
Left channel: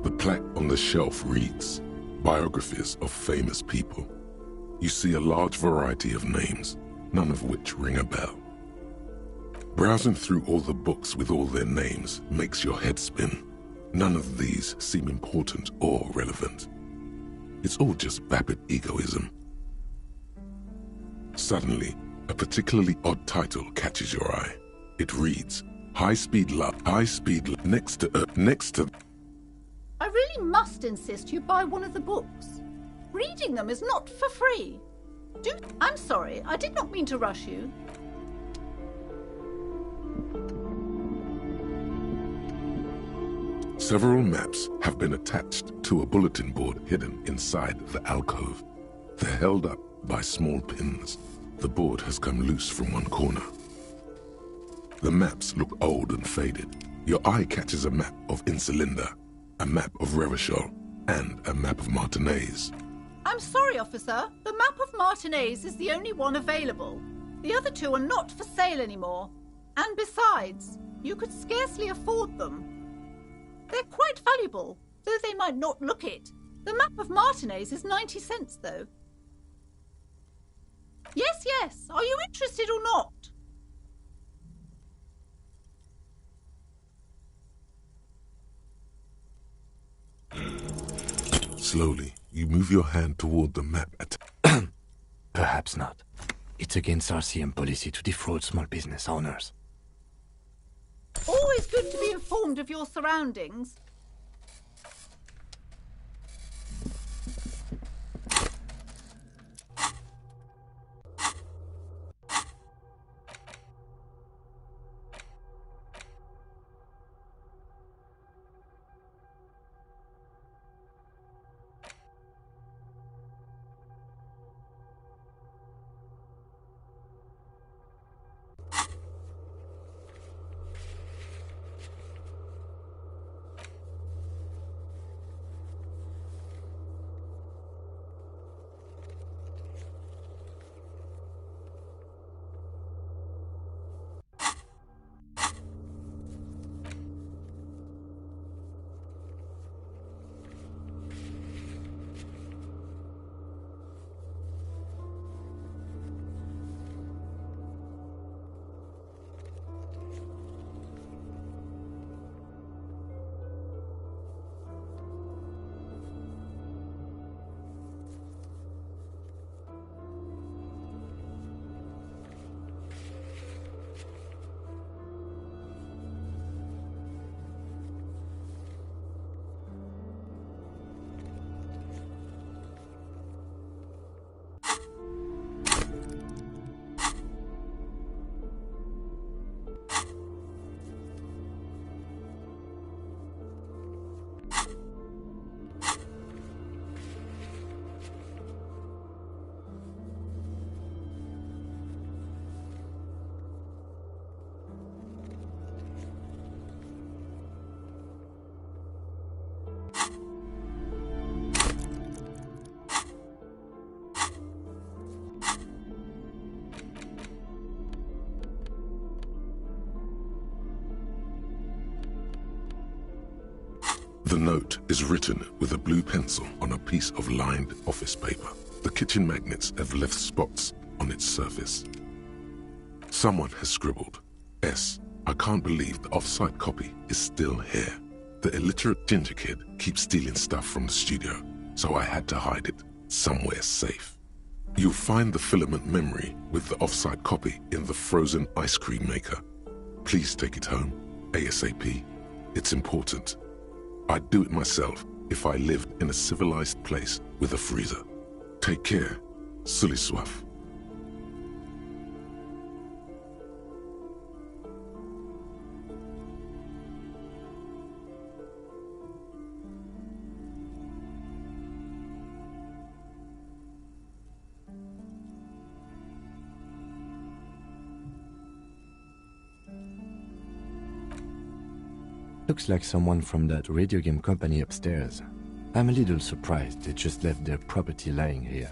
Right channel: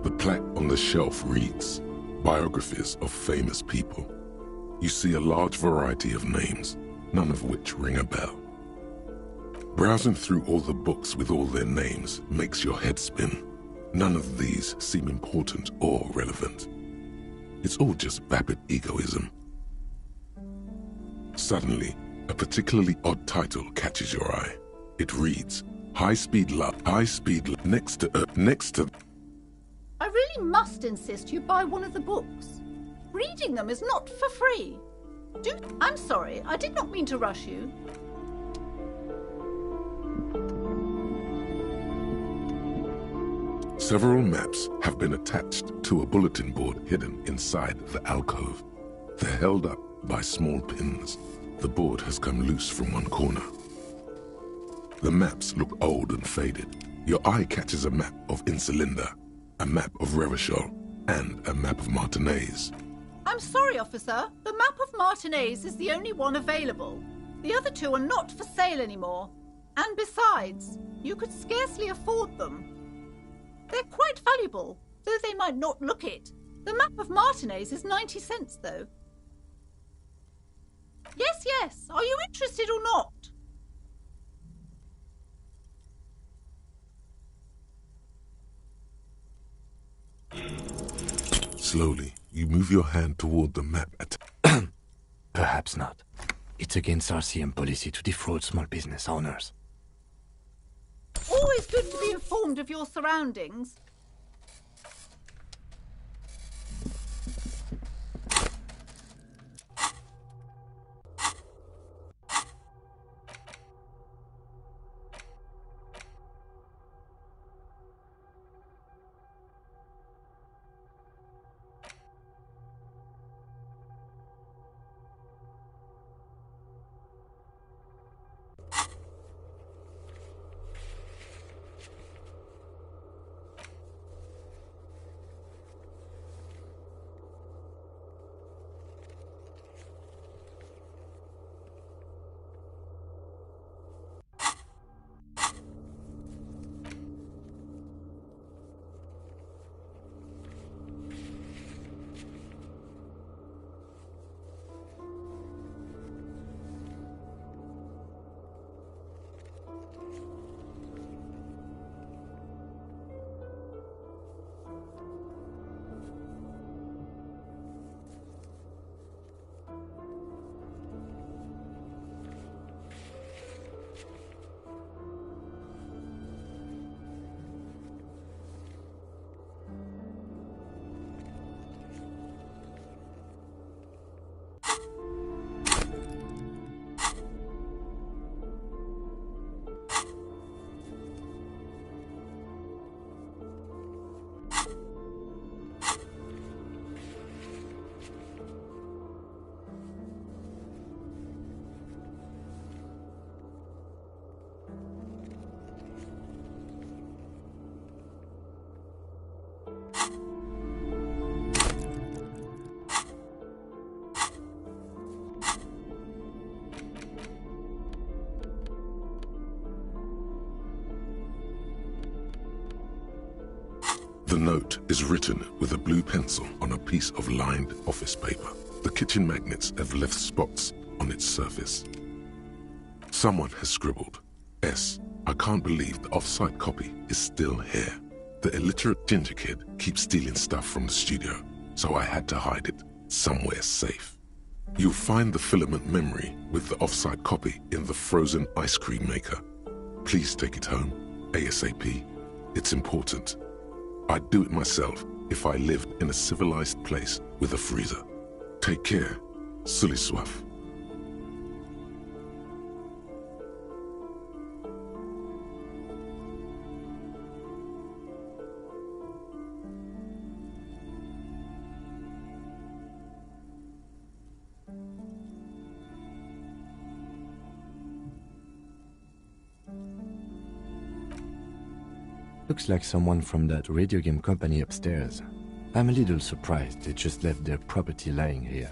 The plaque on the shelf reads, Biographies of Famous People. You see a large variety of names, none of which ring a bell. Browsing through all the books with all their names makes your head spin. None of these seem important or relevant. It's all just vapid egoism. Suddenly, a particularly odd title catches your eye. It reads, High Speed Love, next to... I really must insist you buy one of the books. Reading them is not for free. I'm sorry, I did not mean to rush you. Several maps have been attached to a bulletin board hidden inside the alcove. They're held up by small pins. The board has come loose from one corner. The maps look old and faded. Your eye catches a map of Insulinda, a map of Revachol, and a map of Martinez. I'm sorry, officer. The map of Martinez is the only one available. The other two are not for sale anymore. And besides, you could scarcely afford them. They're quite valuable, though they might not look it. The map of Martinez is 90 cents, though. Yes, yes. Are you interested or not? Slowly, you move your hand toward the map Perhaps not. It's against RCM policy to defraud small business owners. Always good to be informed of your surroundings. The note is written with a blue pencil on a piece of lined office paper. The kitchen magnets have left spots on its surface. Someone has scribbled, S. I can't believe the off-site copy is still here. The illiterate ginger kid keeps stealing stuff from the studio, so I had to hide it somewhere safe. You'll find the filament memory with the off-site copy in the frozen ice cream maker. Please take it home, ASAP. It's important. I'd do it myself if I lived in a civilized place with a freezer. Take care, Suliswaf. Looks like someone from that radio game company upstairs. I'm a little surprised they just left their property lying here.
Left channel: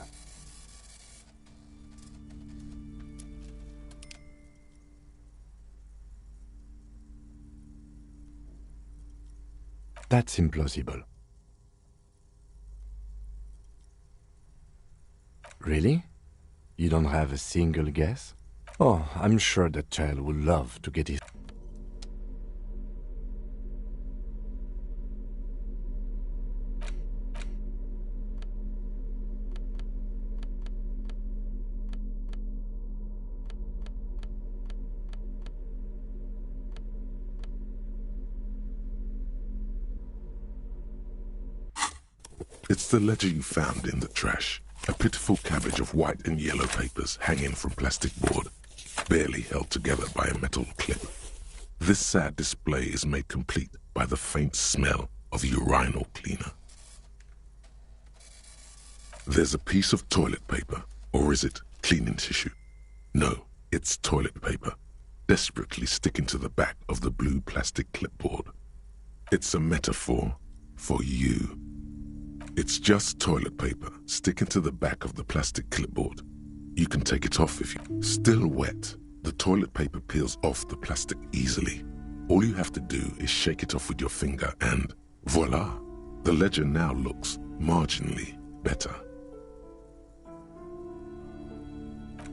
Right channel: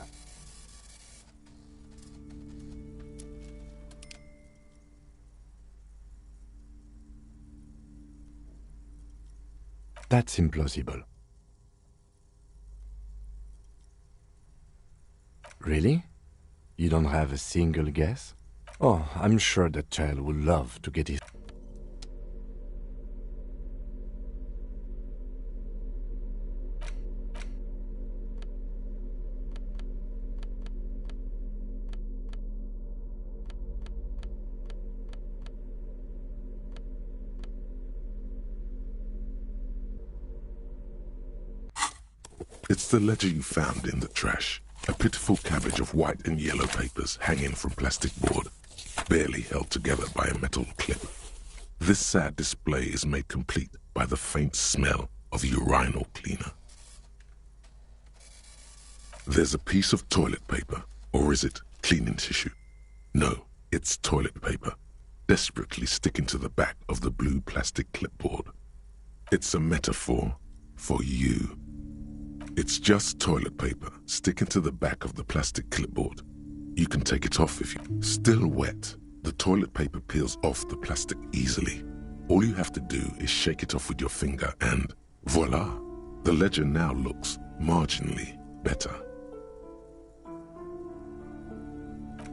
That's implausible. Really? You don't have a single guess? Oh, I'm sure that child would love to get his... It's the ledger you found in the trash. A pitiful cabbage of white and yellow papers hanging from plastic board, barely held together by a metal clip. This sad display is made complete by the faint smell of urinal cleaner. There's a piece of toilet paper, or is it cleaning tissue? No, it's toilet paper, desperately sticking to the back of the blue plastic clipboard. It's a metaphor for you. It's just toilet paper sticking to the back of the plastic clipboard. You can take it off if you... Still wet, the toilet paper peels off the plastic easily. All you have to do is shake it off with your finger and voila! The ledger now looks marginally better.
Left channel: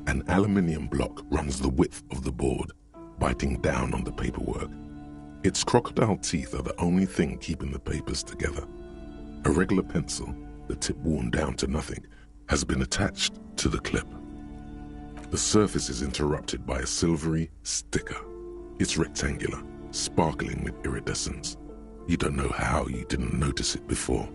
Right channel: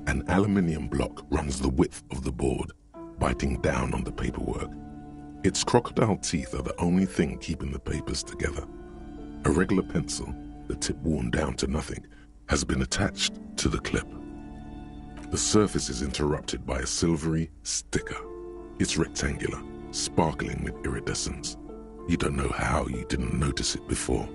An aluminium block runs the width of the board, biting down on the paperwork. Its crocodile teeth are the only thing keeping the papers together. A regular pencil, the tip worn down to nothing, has been attached to the clip. The surface is interrupted by a silvery sticker. It's rectangular, sparkling with iridescence. You don't know how you didn't notice it before.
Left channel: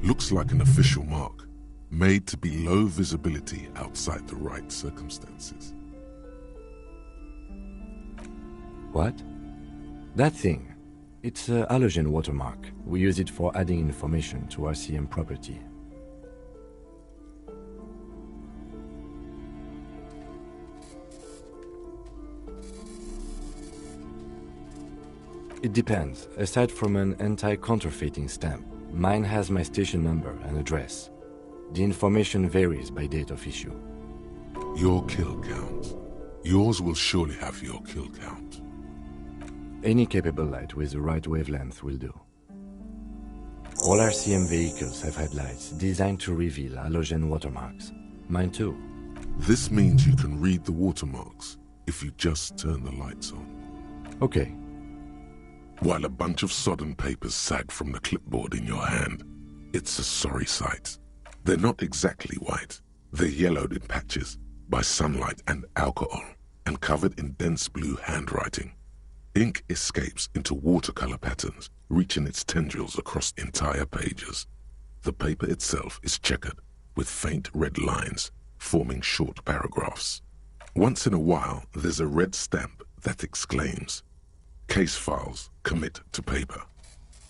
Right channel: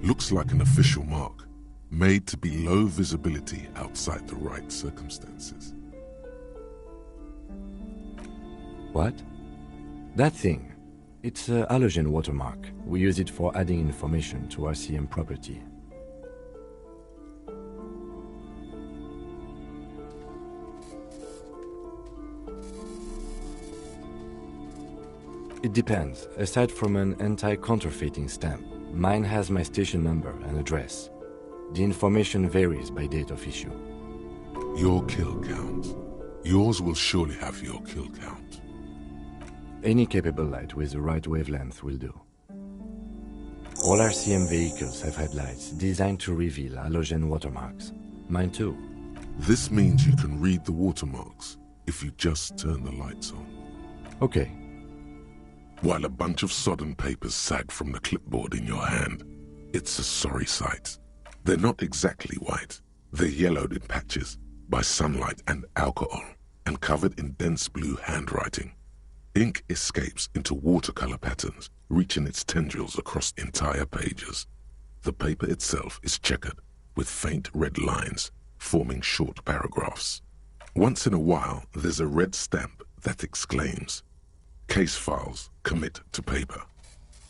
Looks like an official mark, made to be low visibility outside the right circumstances. What? That thing. It's a halogen watermark. We use it for adding information to RCM property. It depends. Aside from an anti-counterfeiting stamp, mine has my station number and address. The information varies by date of issue. Your kill count. Yours will surely have your kill count. Any capable light with the right wavelength will do. All RCM vehicles have headlights designed to reveal halogen watermarks. Mine too. This means you can read the watermarks if you just turn the lights on. Okay. While a bunch of sodden papers sag from the clipboard in your hand, it's a sorry sight. They're not exactly white. They're yellowed in patches by sunlight and alcohol, and covered in dense blue handwriting. Ink escapes into watercolor patterns, reaching its tendrils across entire pages. The paper itself is checkered, with faint red lines, forming short paragraphs. Once in a while, there's a red stamp that exclaims, "Case files commit to paper."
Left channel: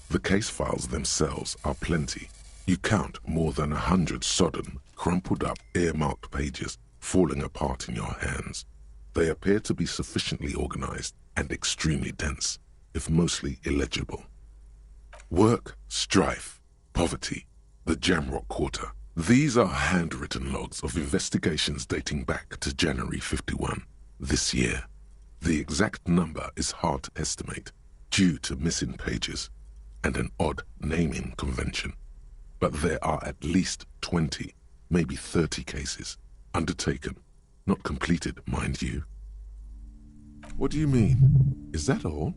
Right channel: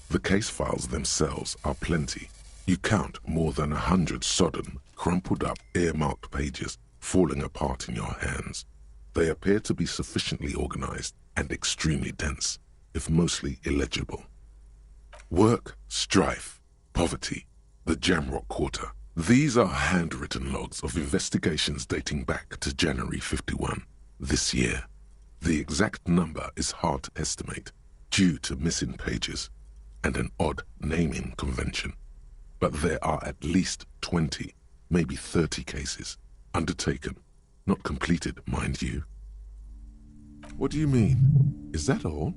The case files themselves are plenty. You count more than 100 sodden, crumpled up, earmarked pages falling apart in your hands. They appear to be sufficiently organized and extremely dense, if mostly illegible. Work, strife, poverty, the Jamrock Quarter. These are handwritten logs of investigations dating back to January 51, this year. The exact number is hard to estimate, due to missing pages and an odd naming convention. But there are at least 20, maybe 30 cases, undertaken, not completed, mind you. What do you mean? Is that all?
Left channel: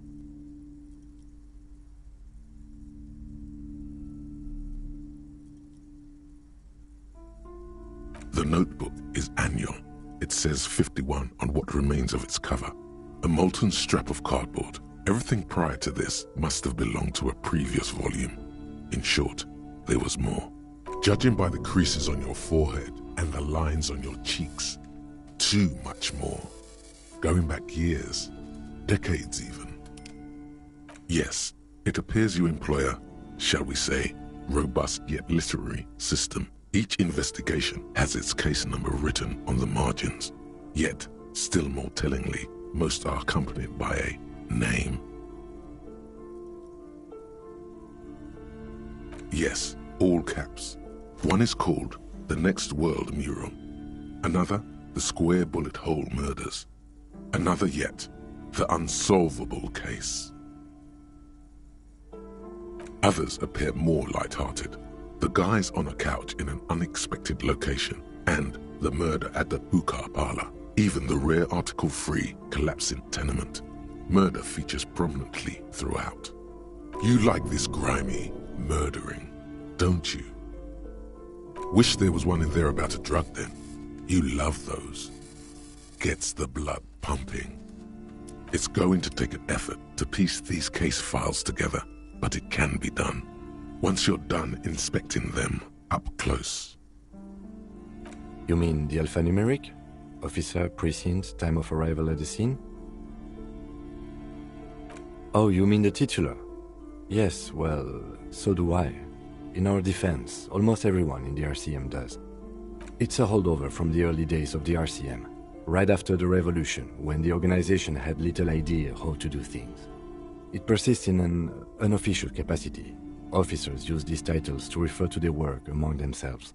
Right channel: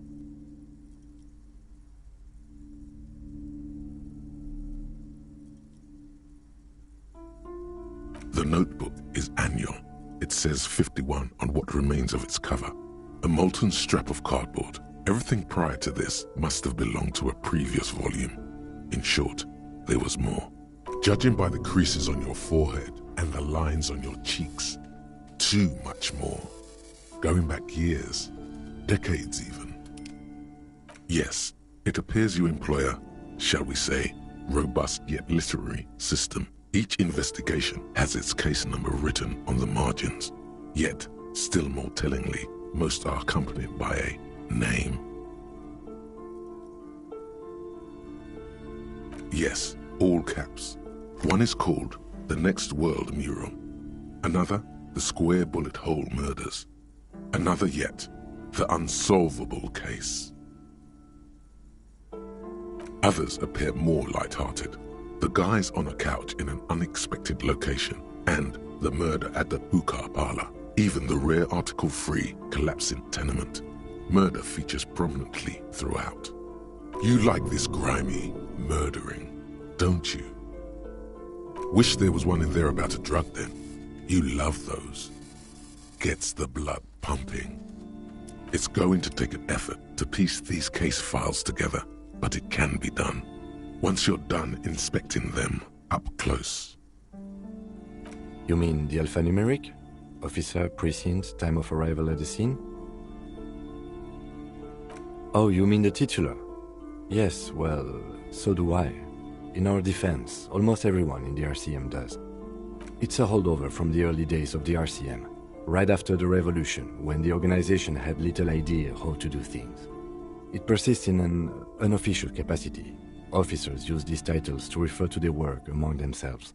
The notebook is annual. It says 51 on what remains of its cover. A molten strap of cardboard. Everything prior to this must have belonged to a previous volume. In short, there was more. Judging by the creases on your forehead and the lines on your cheeks, too much more. Going back years, decades even. Yes, it appears you employ a, shall we say, robust yet literary system. Each investigation has its case number written on the margins, yet, still more tellingly, most are accompanied by a name. Yes, all caps. One is called The Next World Mural, another The Square Bullet Hole Murders, another yet The Unsolvable Case. Others appear more light-hearted. The guys on a couch in an unexpected location, and the murder at the hookah parlor, even the rare article-free collapsing tenement. Murder features prominently throughout. You like this grimy murdering, don't you? Wish there was one in there about a drug den. You love those. Gets the blood pumping. It's going to take an effort to piece these case files together, but it can be done. Once you're done inspecting them up close. You mean the alphanumeric? Officer, precinct, time of arrival at the scene? Oh, you mean the titular? Yes, well, so do I. In our defense, almost everyone in the RCM does. It's a holdover from the early days of the RCM, right after the revolution, when the organization had little idea how to do things. It persists in an unofficial capacity. Officers use these titles to refer to their work among themselves.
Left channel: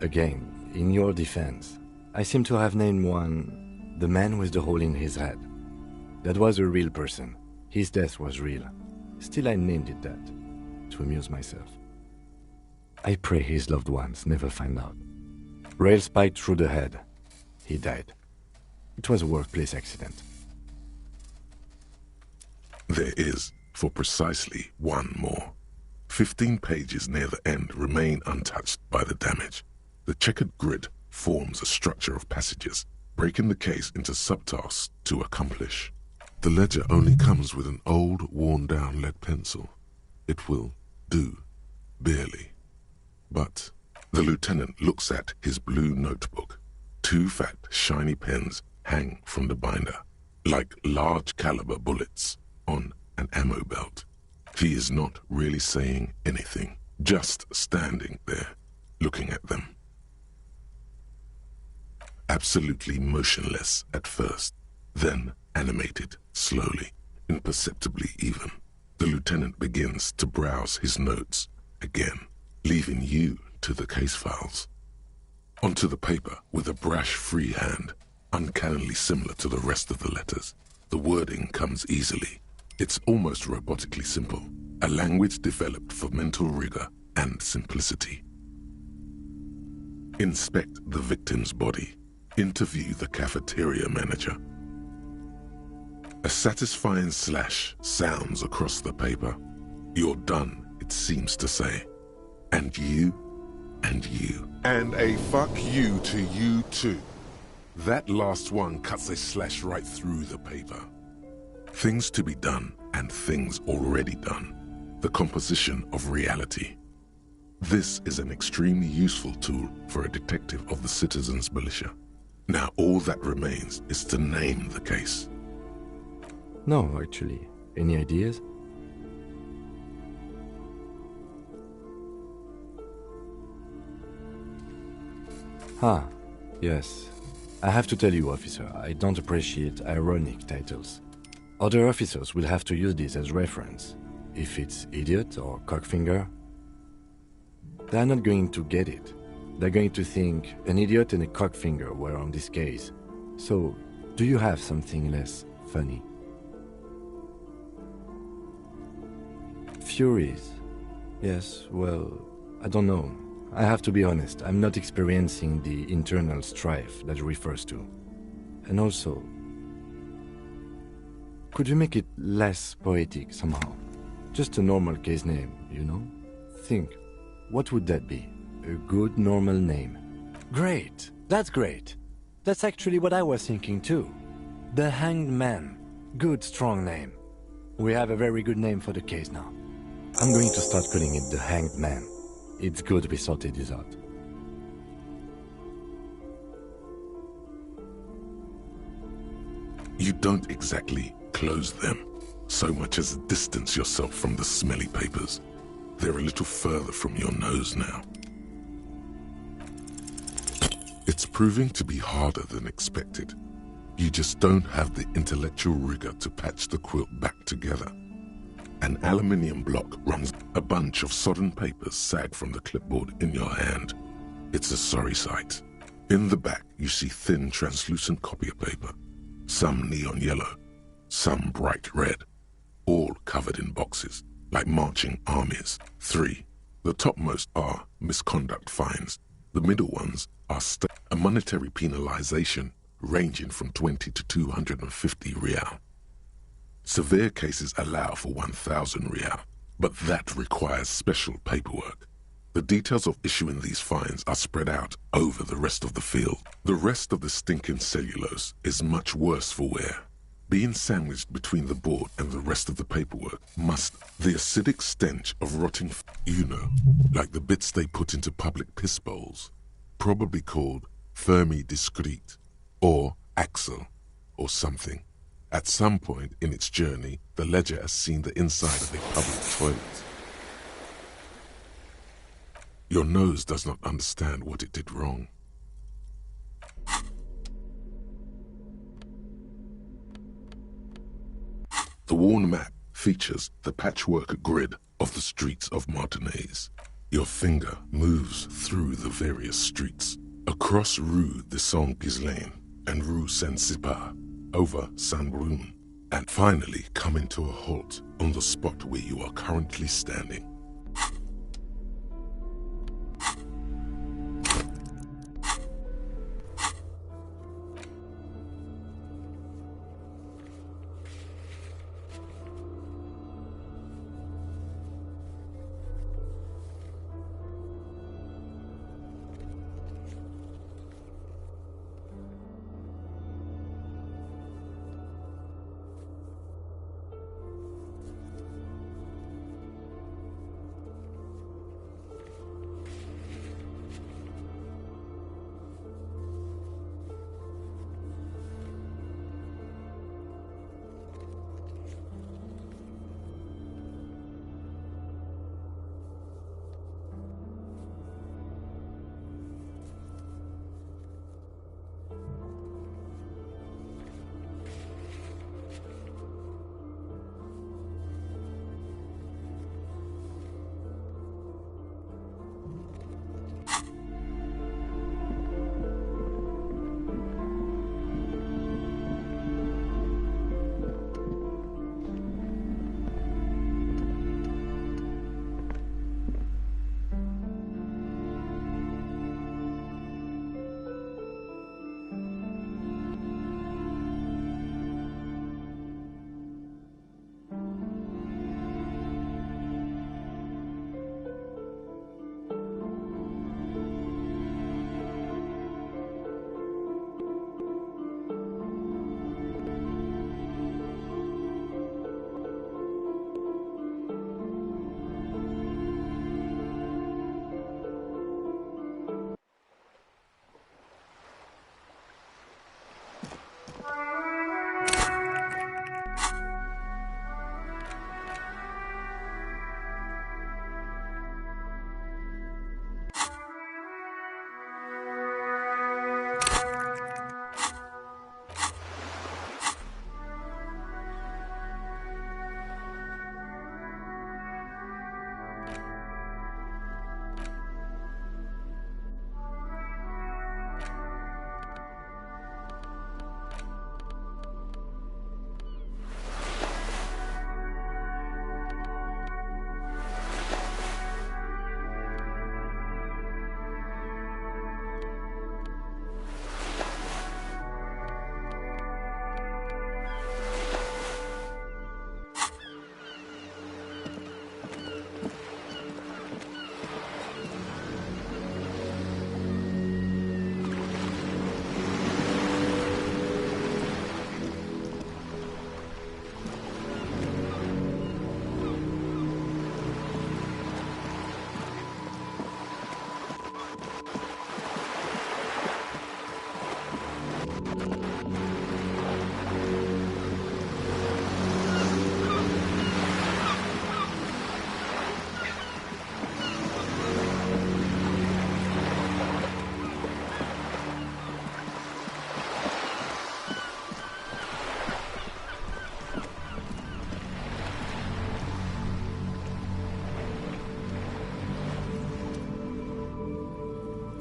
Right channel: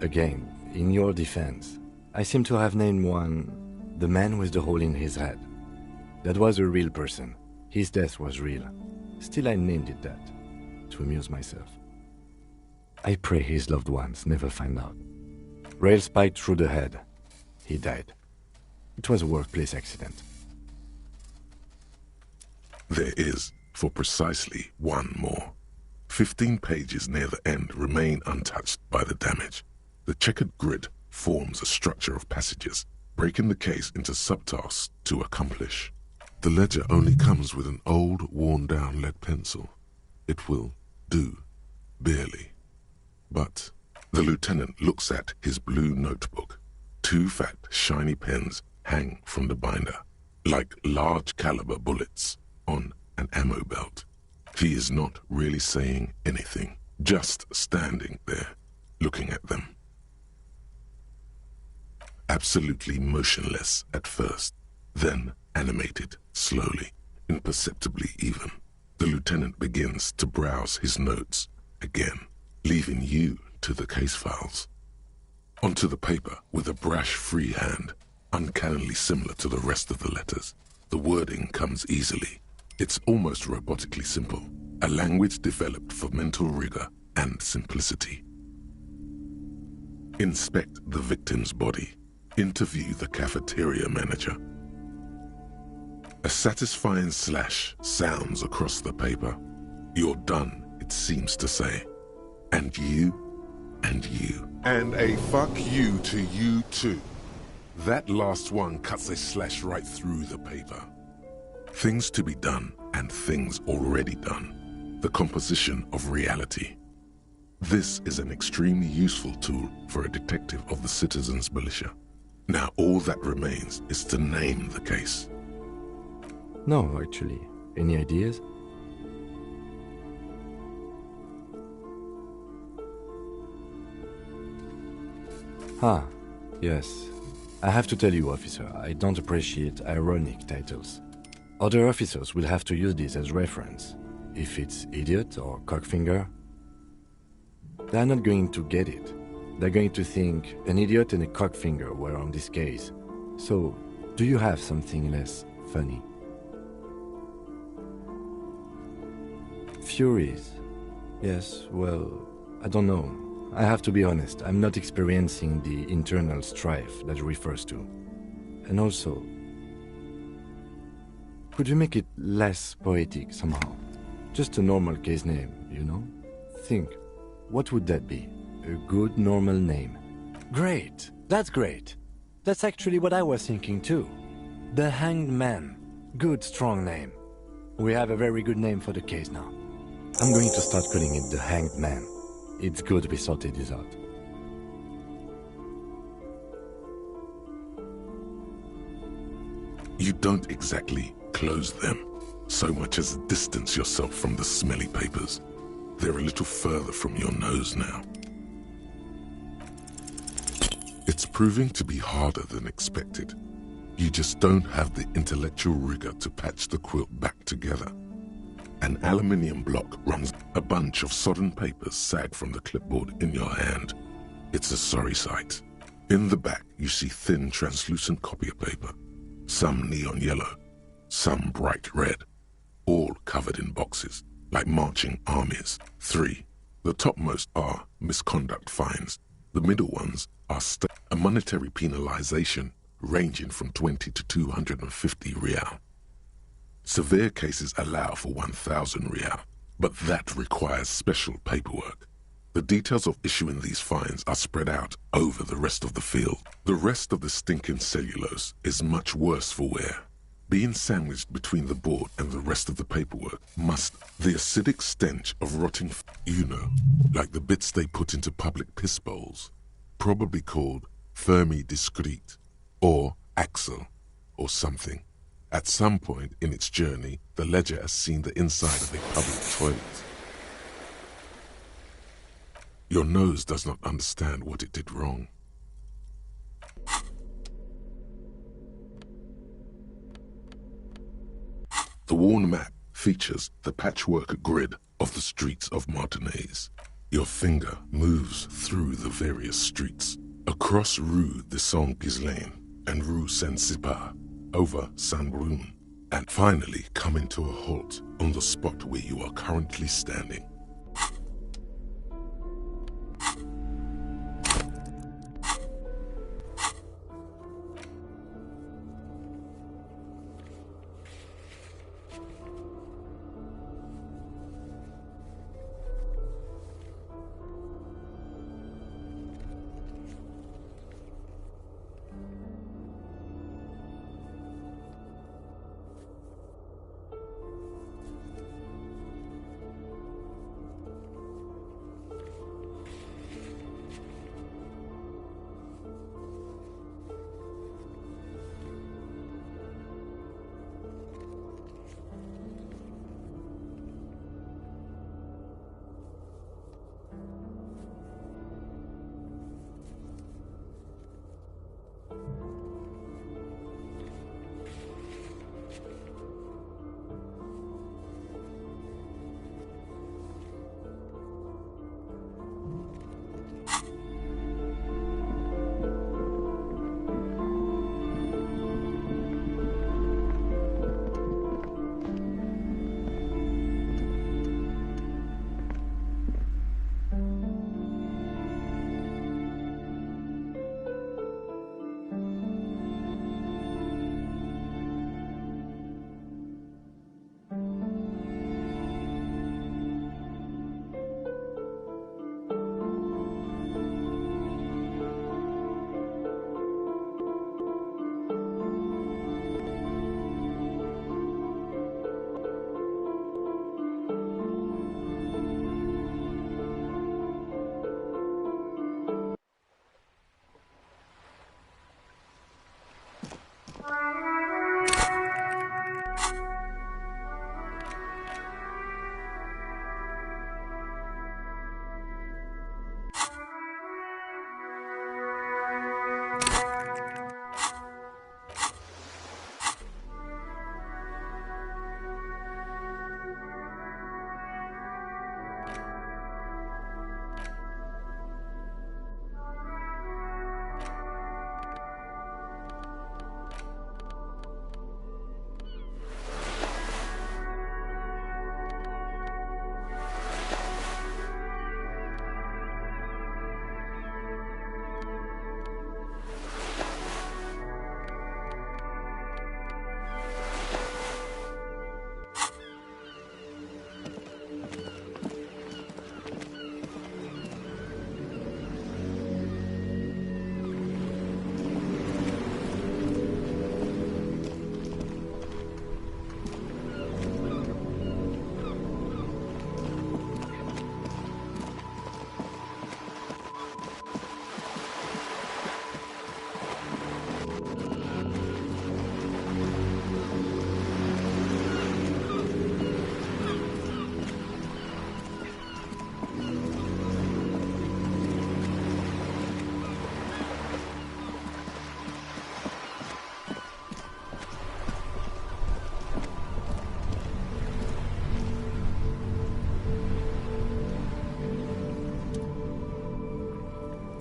Again, in your defense, I seem to have named one the man with the hole in his head. That was a real person. His death was real. Still, I named it that, to amuse myself. I pray his loved ones never find out. Rail spiked through the head. He died. It was a workplace accident. There is, for precisely one more. 15 pages near the end remain untouched by the damage. The checkered grid forms a structure of passages, breaking the case into subtasks to accomplish. The ledger only comes with an old, worn-down lead pencil. It will do, barely. But the lieutenant looks at his blue notebook. 2 fat, shiny pens hang from the binder, like large-caliber bullets on an ammo belt. He is not really saying anything, just standing there, looking at them. Absolutely motionless at first, then animated slowly, imperceptibly even. The lieutenant begins to browse his notes again, leaving you to the case files. Onto the paper with a brash free hand, uncannily similar to the rest of the letters. The wording comes easily. It's almost robotically simple, a language developed for mental rigor and simplicity. Inspect the victim's body. Interview the cafeteria manager. A satisfying slash sounds across the paper. You're done, it seems to say. And you, and you. And a fuck you to you too. That last one cuts a slash right through the paper. Things to be done and things already done. The composition of reality. This is an extremely useful tool for a detective of the citizens' militia. Now all that remains is to name the case. No, actually. Any ideas? Yes. I have to tell you, officer, I don't appreciate ironic titles. Other officers will have to use this as reference. If it's idiot or cockfinger, they're not going to get it. They're going to think an idiot and a cockfinger were on this case. So, do you have something less funny? Furies. Yes, well, I don't know. I have to be honest, I'm not experiencing the internal strife that refers to. And also, could you make it less poetic somehow? Just a normal case name, you know? Think, what would that be? A good normal name. Great! That's great! That's actually what I was thinking too. The Hanged Man. Good strong name. We have a very good name for the case now. I'm going to start calling it the Hanged Man. It's good we sorted this out. You don't exactly close them, so much as distance yourself from the smelly papers. They're a little further from your nose now. It's proving to be harder than expected. You just don't have the intellectual rigor to patch the quilt back together. An aluminium block runs. A bunch of sodden papers sag from the clipboard in your hand. It's a sorry sight. In the back, you see thin, translucent copier paper. Some neon yellow, some bright red, all covered in boxes, like marching armies. 3. The topmost are misconduct fines. The middle ones are a monetary penalization ranging from 20 to 250 real. Severe cases allow for 1,000 real, but that requires special paperwork. The details of issuing these fines are spread out over the rest of the field. The rest of the stinking cellulose is much worse for wear. Being sandwiched between the board and the rest of the paperwork the acidic stench of rotting, like the bits they put into public piss bowls, probably called Fermi Discrete, or Axel, or something. At some point in its journey, the ledger has seen the inside of a public toilet. Your nose does not understand what it did wrong. The worn map features the patchwork grid of the streets of Martinez. Your finger moves through the various streets, across Rue de Saint-Ghislain and Rue Saint-Sipar, over Saint-Brun, and finally coming to a halt on the spot where you are currently standing.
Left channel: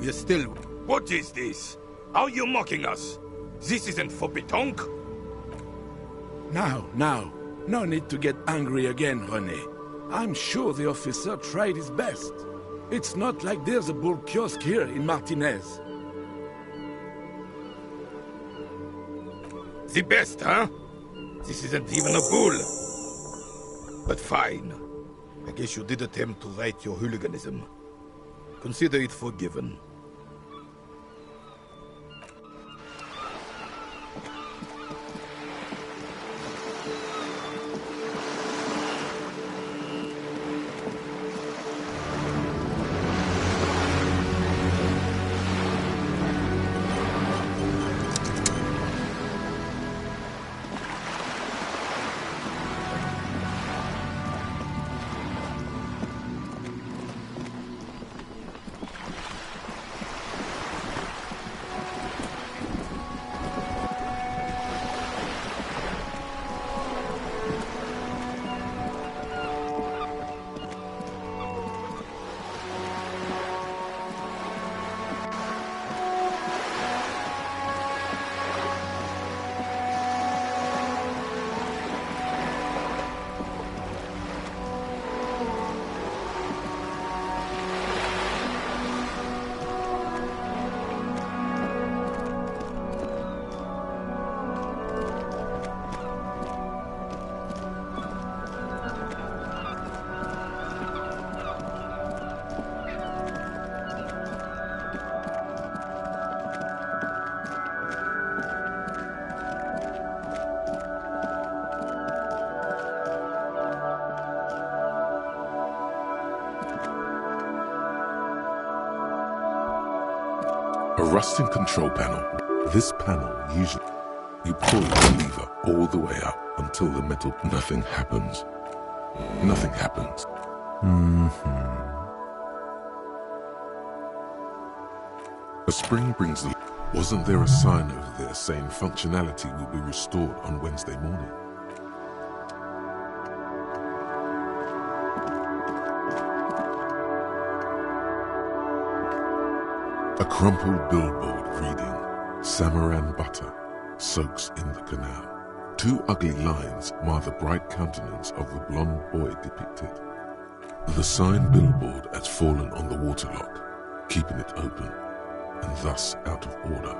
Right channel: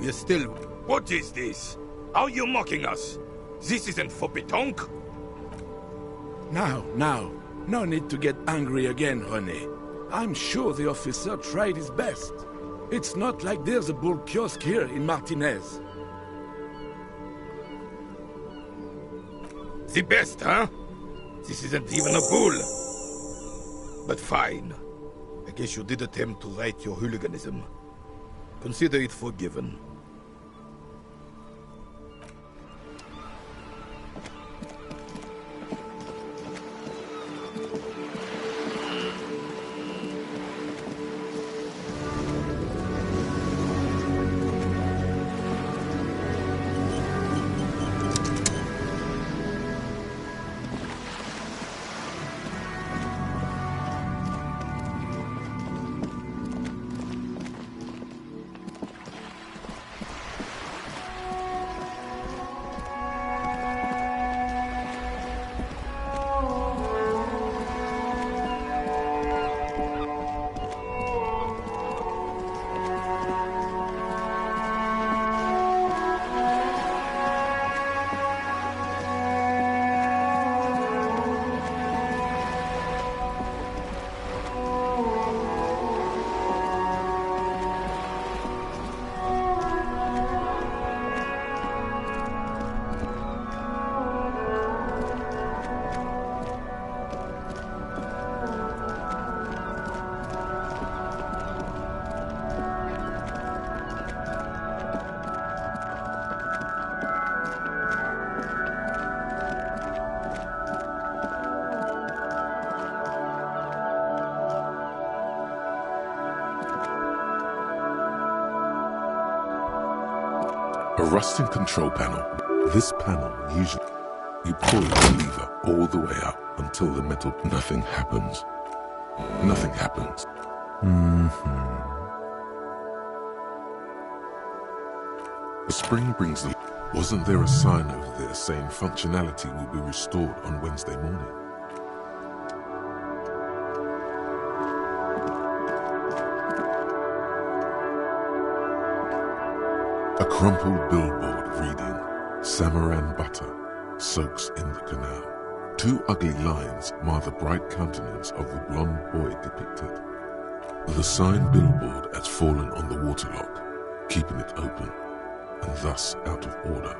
We're still... What is this? Are you mocking us? This isn't for Betonk. Now. No need to get angry again, René. I'm sure the officer tried his best. It's not like there's a bull kiosk here in Martinez. The best, huh? This isn't even a bull. But fine. I guess you did attempt to right your hooliganism. Consider it forgiven. A rusting control panel. This panel usually... You pull the lever all the way up until the metal... Nothing happens. Nothing happens. A spring brings the... Wasn't there a sign over there saying functionality will be restored on Wednesday morning? A crumpled billboard reading, Samaran butter soaks in the canal. Two ugly lines mar the bright countenance of the blonde boy depicted. The sign billboard has fallen on the waterlock, keeping it open, and thus out of order.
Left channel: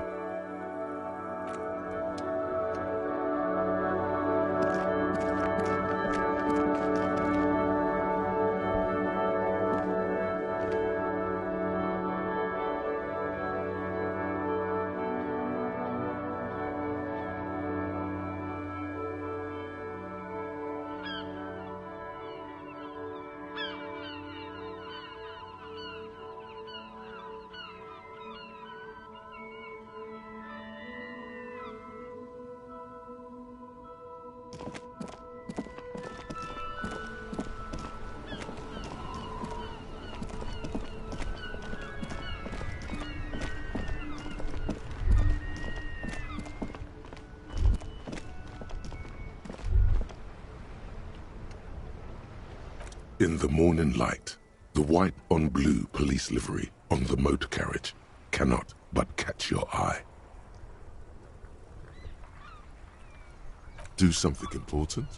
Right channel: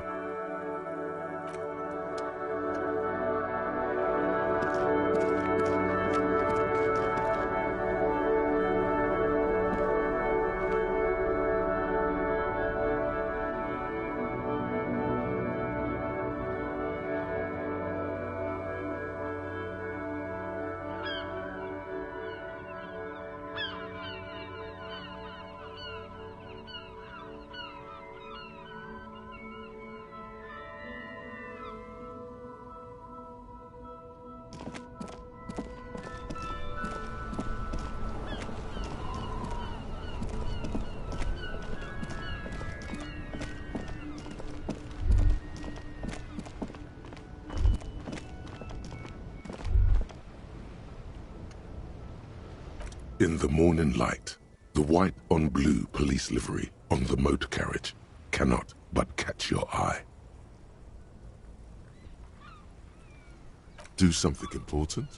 In the morning light, the white on blue police livery on the motor carriage cannot but catch your eye. Do something important?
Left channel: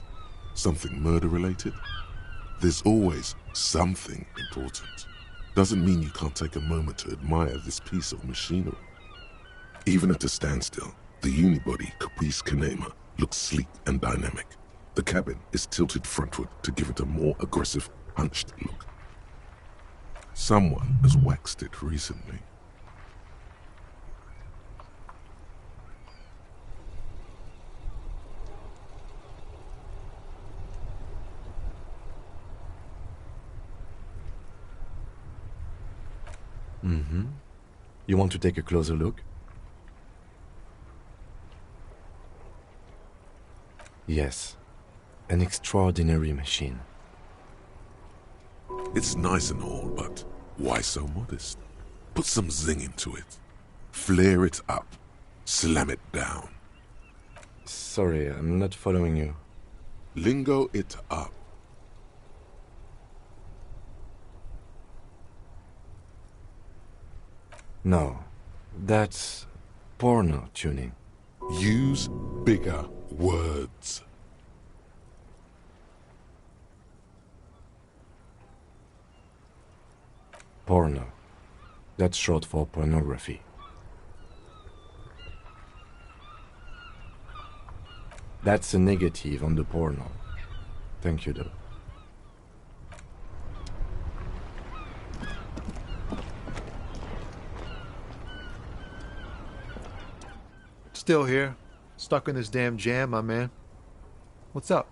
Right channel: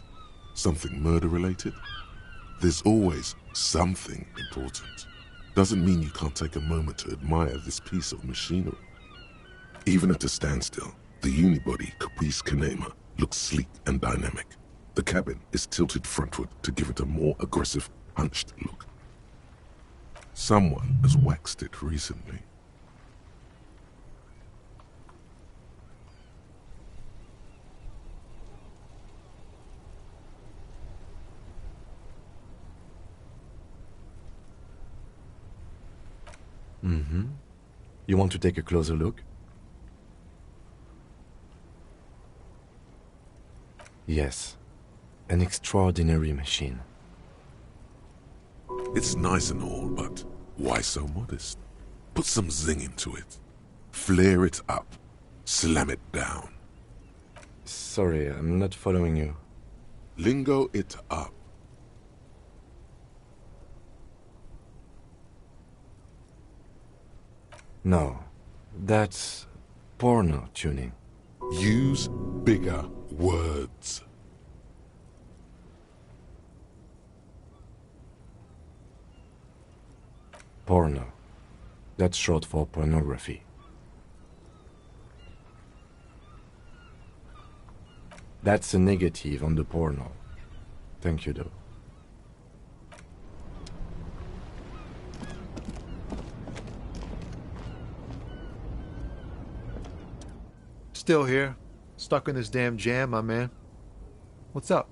Something murder-related? There's always something important. Doesn't mean you can't take a moment to admire this piece of machinery. Even at a standstill, the unibody Caprice Kanema looks sleek and dynamic. The cabin is tilted frontward to give it a more aggressive, hunched look. Someone has waxed it recently. You want to take a closer look? Yes. An extraordinary machine. It's nice and all, but why so modest? Put some zing into it. Flare it up. Slam it down. Sorry, I'm not following you. Lingo it up. No, that's porno tuning. Use bigger words. Porno. That's short for pornography. That's a negative on the porno. Thank you, though. Still here. Stuck in this damn jam, my man. What's up?